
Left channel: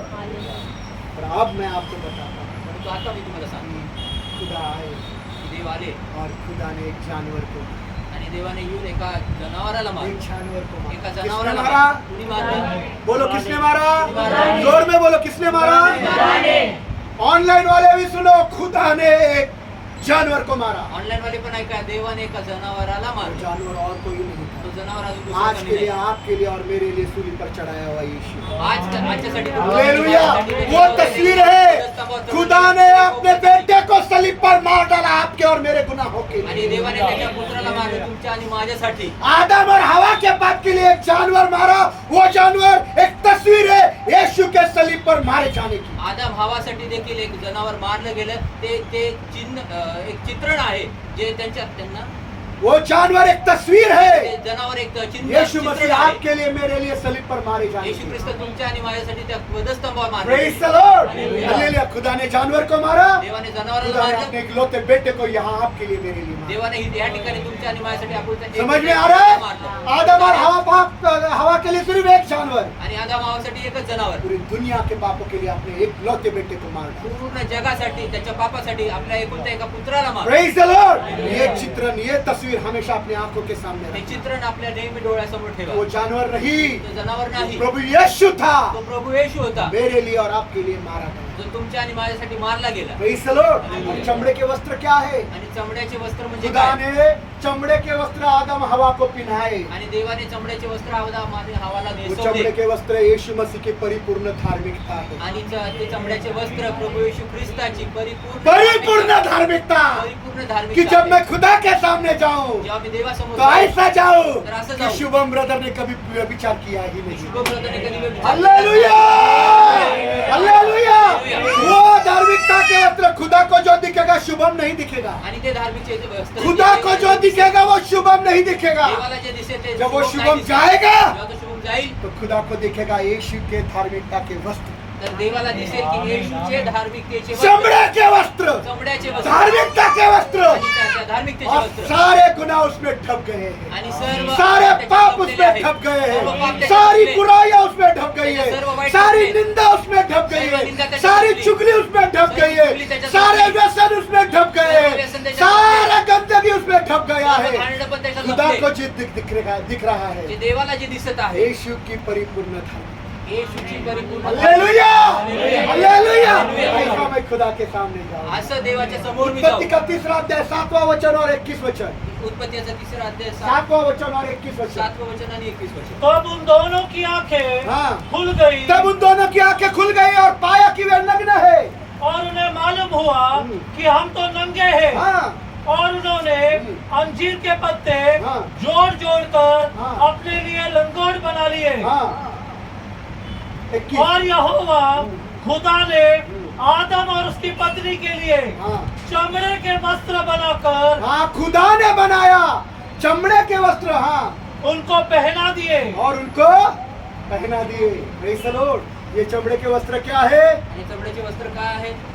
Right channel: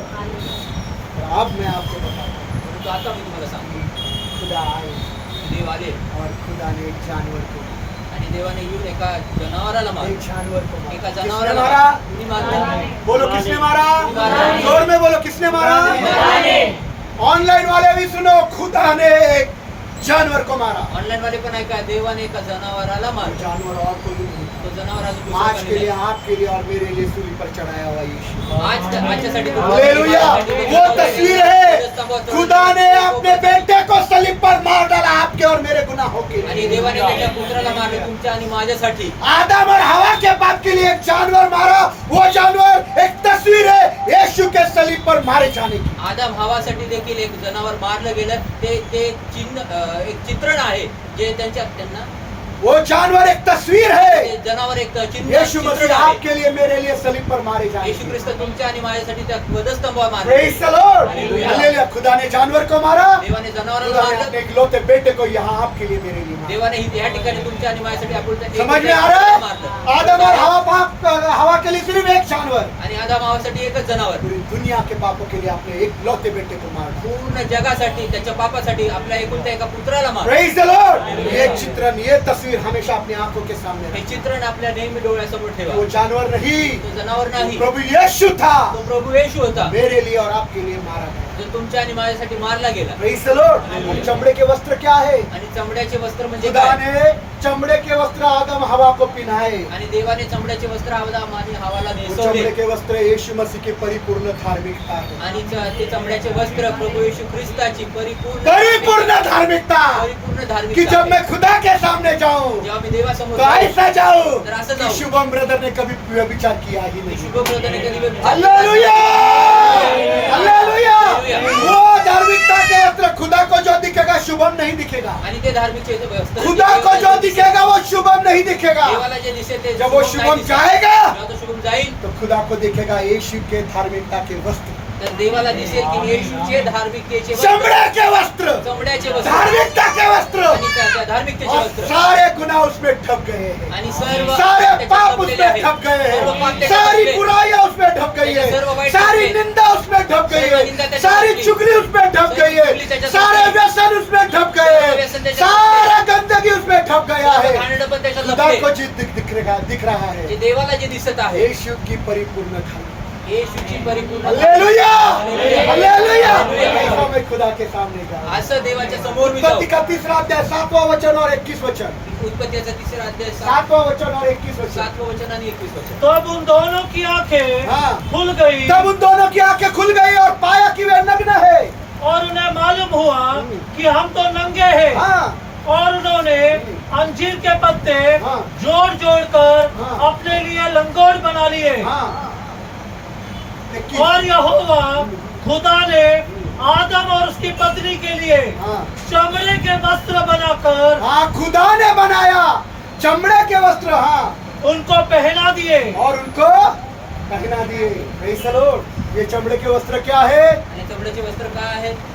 और अब मैं आपको बताता हूँ, परंतु आता मी तुम्हाला सांगतो खुदा आए देव आले और खुदा ने एक जानवर को, आणि देवाने येऊन एका जनावराला एक मारलं. जानवर को एका मारा। किसने जनावराला मारा? कुणी मारलं? बोलो किसने मारा? मारा। जोर में बोलो किसने मारा? ऑनलाइन वाले भी सुनो, खुदा ने एक जानवर को मारा। ऑनलाईन वाले पण ऐका देवाने एका जनावराला वो मारलं. जानवर और कोई नहीं था, तो जनावर अजून दुसरा आज कोणी के लिए, नाही. आपके लिए और मेरे लिए सूली पर चढ़ाया हुआ यीशु। आजच्यासाठी हालेलुया। वो तस्वीर है, खुदा ने अपने बेटे को सलीब पर मार डाला आपके और मेरे गुनाहों के आणि लिए। देवाने त्याच्या पुत्राला मारलं तुमच्या आणि माझ्यासाठी. आदम और हवा के पाप के लिए एक जानवर मारा, वो जानवर एक तस्वीर है यीशु के सलीब पर मारे जाने की। आदम हवासाठी देखील एक जनावर मारलं गेलं. ते एक चित्रण आहे जे त्यांना वो जानवर एक तस्वीर है, ते जनावर एक यीशु चित्रण मसीह आहे. आपके लिए मेरे लिए सलीब पर मारे जाने येशू की। ख्रिस्त तुमच्या आणि माझ्यासाठी त्या वधस्तंभावर मारले. Praise the Lord. Hallelujah. Hallelujah. खुदा ने जानवर को मारा, देवाने जनावराला खुदा ने मारलं. अपने इकलौते बेटे को यहाँ आपके लिए मेरे लिए मारा। देवाने या ठिकाणी तुमच्या आणि माझ्यासाठी आपण समझ में आ रहा है? आदम और हवा के लिए सिर्फ एक जानवर, आणि आदाम हवासाठी एकच जनावर, पूरी दुनिया के पापों के लिए अपने एक लौते बेटे को मार डाला। पूर्ण जगासाठी त्याच्या पापासाठी आपल्या एकुलत्या एका पुत्राला मार. Praise the Lord! ये चित्रण, ये तस्वीर हमेशा अपनी आंखों के सामने हे रखना। चित्रण आपल्या नेहमी डोळ्यासमोर ठेवा. वो जानवर नहीं, तो जनावर नाही, प्रभु यीशु था, तो प्रभु येशू होता, मेरे लिए और आपके लिए मारा गया। जो तुमच्या आणि माझ्यासाठी मारला गेला. Praise the Lord! और चमड़े के वस्त्र क्या है? आणि चमड्याचे वस्त्र म्हणजे खुदा काय? ने चमड़े के वस्त्र आदम हवा को पहनाए। आणि देवाने चमड्याचे वस्त्र आदाम आणि हवाला वो नेसवले. चमड़े के वस्त्र यीशु मसीह की परिपूर्ण धार्मिकता है। आणि ते चमड्याचे वस्त्र प्रभू येशू ख्रिस्ताची परिपूर्ण धार्मिकता परिपूर्ण कि धार्मिकता. जब मैं खुदा के सामने जाऊं जेव्हा मी देवासमोर तो ऐसा जाऊं तर असं कि जाऊ. शुभम ब्रदर ने कभी व्यभिचार किया ही नहीं। शुभ ब्रदरने कधी व्यभिचार हालेलुया! हालेलुया! वो धार्मिकता के वस्त्र खुदा को जो दिखेगा शुभम नहीं दिखेगा। आणि ते धार्मिकचे वस्त्र खुदा को जो दिखेगा वो शुभम नहीं दिखेगा। देवाला जे दिसेल ते जब वो शुभम शुभम नाही दिसेल. जाएगा जेव्हा तो शुभम जाईल तो खुदा को दिखेगा यीशु के धार्मिकता के वस्त्र, तर देवाला दिसेल की येशूचे धार्मिकतेचे वस्त्र, चमड़े के वस्त्र, चमड्याचे वस्त्र धार्मिकता के वस्त्र, आणि त्या धार्मिकतेचे और वस्त्र सारे गुनाह उसमें ढक गए हैं। आणि सर्व सारे त्याच्यात पाप लपलेले उसमें आहेत. ढक गए सर्व पाप हैं, त्याच्यात सारी लपले. बुराइयां उसमें ढक गई त्याच्या है, सर्व वाईट सारी गोष्टी. निंदा उसमें ढक गई सर्व है, निंदा त्याच्यात सारी लपली. चुगली उसमें ढक सर्व गई है, चुगली त्याच्यात सारे लपली. व्यसन उसमें ढक गए सर्व हैं, व्यसन त्याच्यात सारा गंदगी उसमें ढक गया सर्व है। घाणेरडं पण त्याच्यात खुदा लपले. को दिख रहा जे है देवाला जे दिसत आहे यीशु की परिपूर्ण धार्मिकता। येशूची परिपूर्ण हालेलुया! हालेलुया! हालेलुया! हालेलुया! ऐसा मैं खुदा के सामने जाऊं। असं देवाच्या समोर मी जाऊ. उत्पत्ति का 3रा अध्याय 7वां वचन और 21 वचन, उत्पत्तीचा 3रा अध्याय 7वां वचन और 21 वचन। 7वें वचन आणि 21 वचन. तब उन दोनों की आंखें हाँ। खुल गई तब उन दोनों की आंखें खुल गई और पाया कि वे नग्न है। और उन्हें मालूम हुआ कि हम तो नंगे हैं। हाँ, और उन्होंने अंजीर के पत्ते हाँ। जोड़ जोड़ कर हाँ। अपने लिए लंगोट बना लिए। हाँ। 21। और यहोवा खुदा ने आदम और उसकी पत्नी के लिए हाँ। चमड़े के वस्त्र बनाकर हाँ, खुदा ने बनाया चमड़े के वस्त्र, हाँ, उनको पहना दिए। और उनको पहना दिए। Praise the Lord! ये चमड़े के वस्त्र क्या है? आणि चमड्याचे वस्त्र काय आहेत?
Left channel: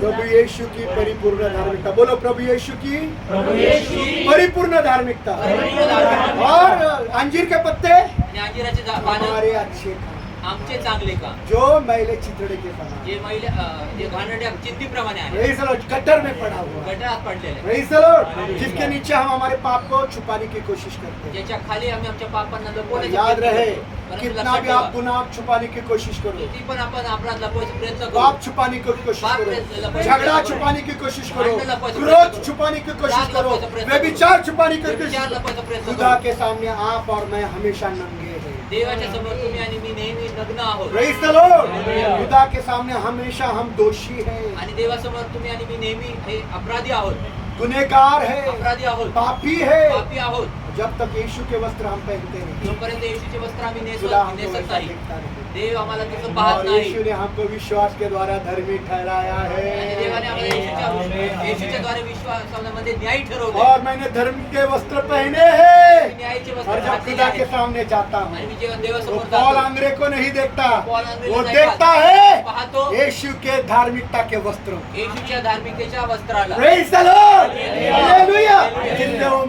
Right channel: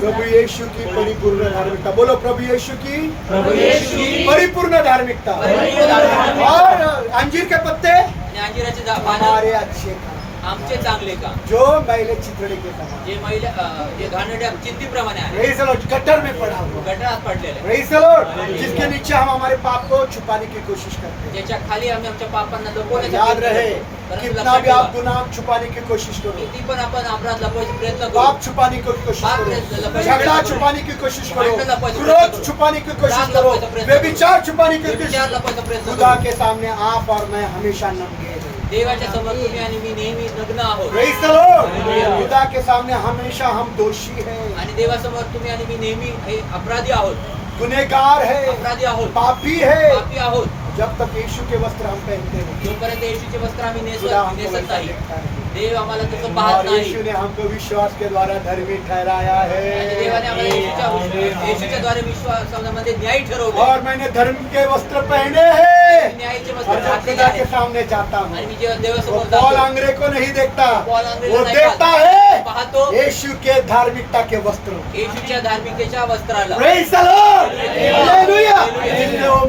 प्रभु यीशु की परिपूर्ण धार्मिकता। बोलो प्रभु यीशु की प्रभु येशू की परिपूर्ण धार्मिकता। परिपूर्ण धार्मिकता. और अंजीर के पत्ते आणि अंजिराचे पानं हमारे अच्छे काम, आमचे चांगले काम, जो मैले चितड़े के समान। जे महिला जे घाणेरड्या चिंतीप्रमाणे आहे, Praise the Lord! गटर में पड़ा हुआ। गटारात पडलेले, Praise the Lord! जिसके नीचे हम हमारे पाप को छुपाने की कोशिश करते हैं। ज्याच्या खाली आम्ही आमच्या पापांना लपवण्याचा याद प्रयत्न रहे, करतो. परंतु कितना लक्षात भी आप ठेवा, गुनाह छुपाने की कोशिश करो, किती पण आपण अपराध लपवायचा प्रयत्न पाप करू, छुपाने की कोशिश पाप करो, लपवायचा झगड़ा प्रयत्न करो, छुपाने की कोशिश करो, भांडण लपवायचा प्रयत्न क्रोध करो, छुपाने की कोशिश राग करो, लपवायचा प्रयत्न व्यभिचार छुपाने की व्यभिचार कोशिश लपवायचा प्रयत्न खुदा करू. के सामने आप और मैं हमेशा नंगे हैं। देवाच्या समोर तुम्ही आणि मी नेहमी नग्न आहोत. Praise the Lord! Hallelujah. खुदा के सामने हमेशा हम दोषी हैं, आणि देवासमोर तुम्ही आणि मी नेहमी हे अपराधी आहोत, गुनहगार है, अपराधी आहोत, पापी है। पापी आहोत. जब तक यीशु के वस्त्र हम पहनते हैं, जोपर्यंत येशूचे वस्त्र आम्ही खुदा हमको नेसत वैसा नाही, देखता नहीं। देव आम्हाला तसं पाहत और नाही. यीशु ने हमको विश्वास के द्वारा धर्मी ठहराया आणि देवाने आम्हाला है। येशूच्या द्वारे विश्वासामध्ये न्याय ठरवले. और मैंने धर्म के वस्त्र पहने हैं, न्यायाचे और वस्त्र जब घातलेले खुदा के आहेत. सामने जाता आणि हूँ मी जेव्हा वो देवासमोर पॉल जातो, अंग्रे को नहीं देखता, पॉल अंग्रेला वो नाही देखता पाहत. है पाहतो यीशु के धार्मिकता के वस्त्रों। येशूच्या धार्मिकतेच्या वस्त्राला. Praise the Lord! Hallelujah. Hallelujah! Hallelujah. जिसने वो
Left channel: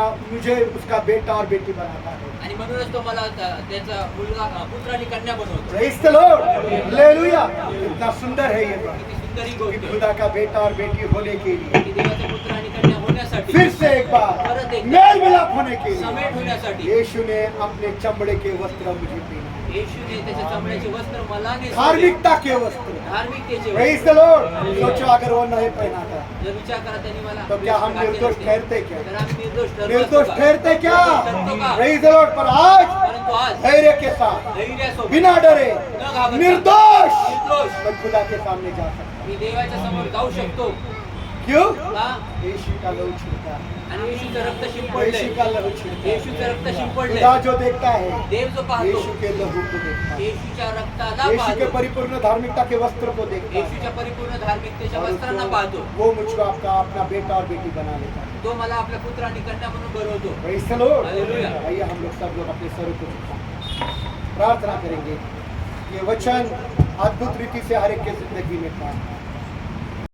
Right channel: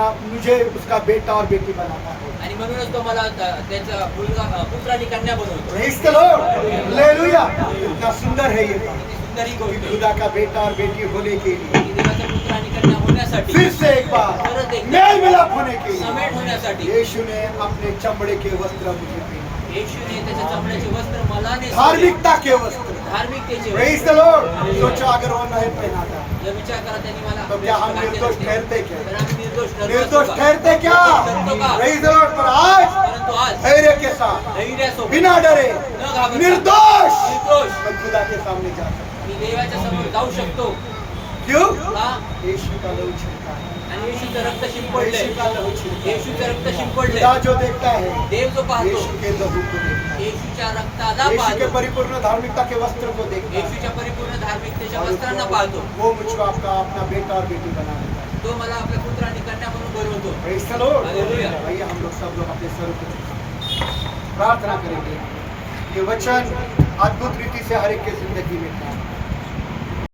मुझे उसका बेटा और बेटी बनाता है। आणि म्हणूनच तो मला त्याचा मुलगा पुत्र आणि कन्या बनवतो. Praise the Lord! Hallelujah! कितना सुंदर है ये बात किती सुंदर ही कि गोष्ट आहे. खुदा का बेटा और बेटी होने के लिए, की देवाचा पुत्र आणि कन्या होण्यासाठी, फिर से एक बार परत एकदा मेल मिलाप होने के लिए समेट होण्यासाठी यीशु ने अपने चमड़े के वस्त्र मुझे पहने, येशूने त्याच्या चमड्याचे वस्त्र मला नेसवले. धार्मिकता के वस्त्र। धार्मिकतेचे Praise वस्त्र. the Lord! सोचो अगर वो नहीं पहना था जर विचार करा त्यांनी मला तो क्या हम घातले निर्दोष नसते, ठहरते क्या? तर आम्ही निर्दोष ठरलो निर्दोष असतो का? ठहरते क्या? ठरतो का? Praise the Lord! पर आज परंतु आज धैर्य के साथ, धैर्यासोबत बिना डरे, न घाबरता, निर्दोष निर्दोष मैं खुदा के सामने जा सकता मी देवाच्या समोर जाऊ शकतो. हूं। क्यों? का? यीशु का लहू छिड़का है, आणि येशूचं रक्त शिंपडले. यीशु का लहू छिड़का है। येशूचं रक्त शिंपडले. खुदा जो देखता है देव जो पाहतो यीशु के लहू को देखता है, येशूच्या रक्ताला यीशु के पाहतो. परिपूर्ण धार्मिकता के वस्त्र को देखता है, येशूच्या परिपूर्ण धार्मिकतेच्या और वस्त्रांना पाहतो. वो मुझको आपका अपना बेटा और बेटी बना लेता है। तो मला आपल्या पुत्र आणि कन्या म्हणून बनवतो. Praise the Lord! Hallelujah. आइए हम लोग सब लोग अपने सरों को झुकाएं। प्रार्थना करेंगे, ये वचन अद्भुत रीति से हर एक के जिंदगी में काम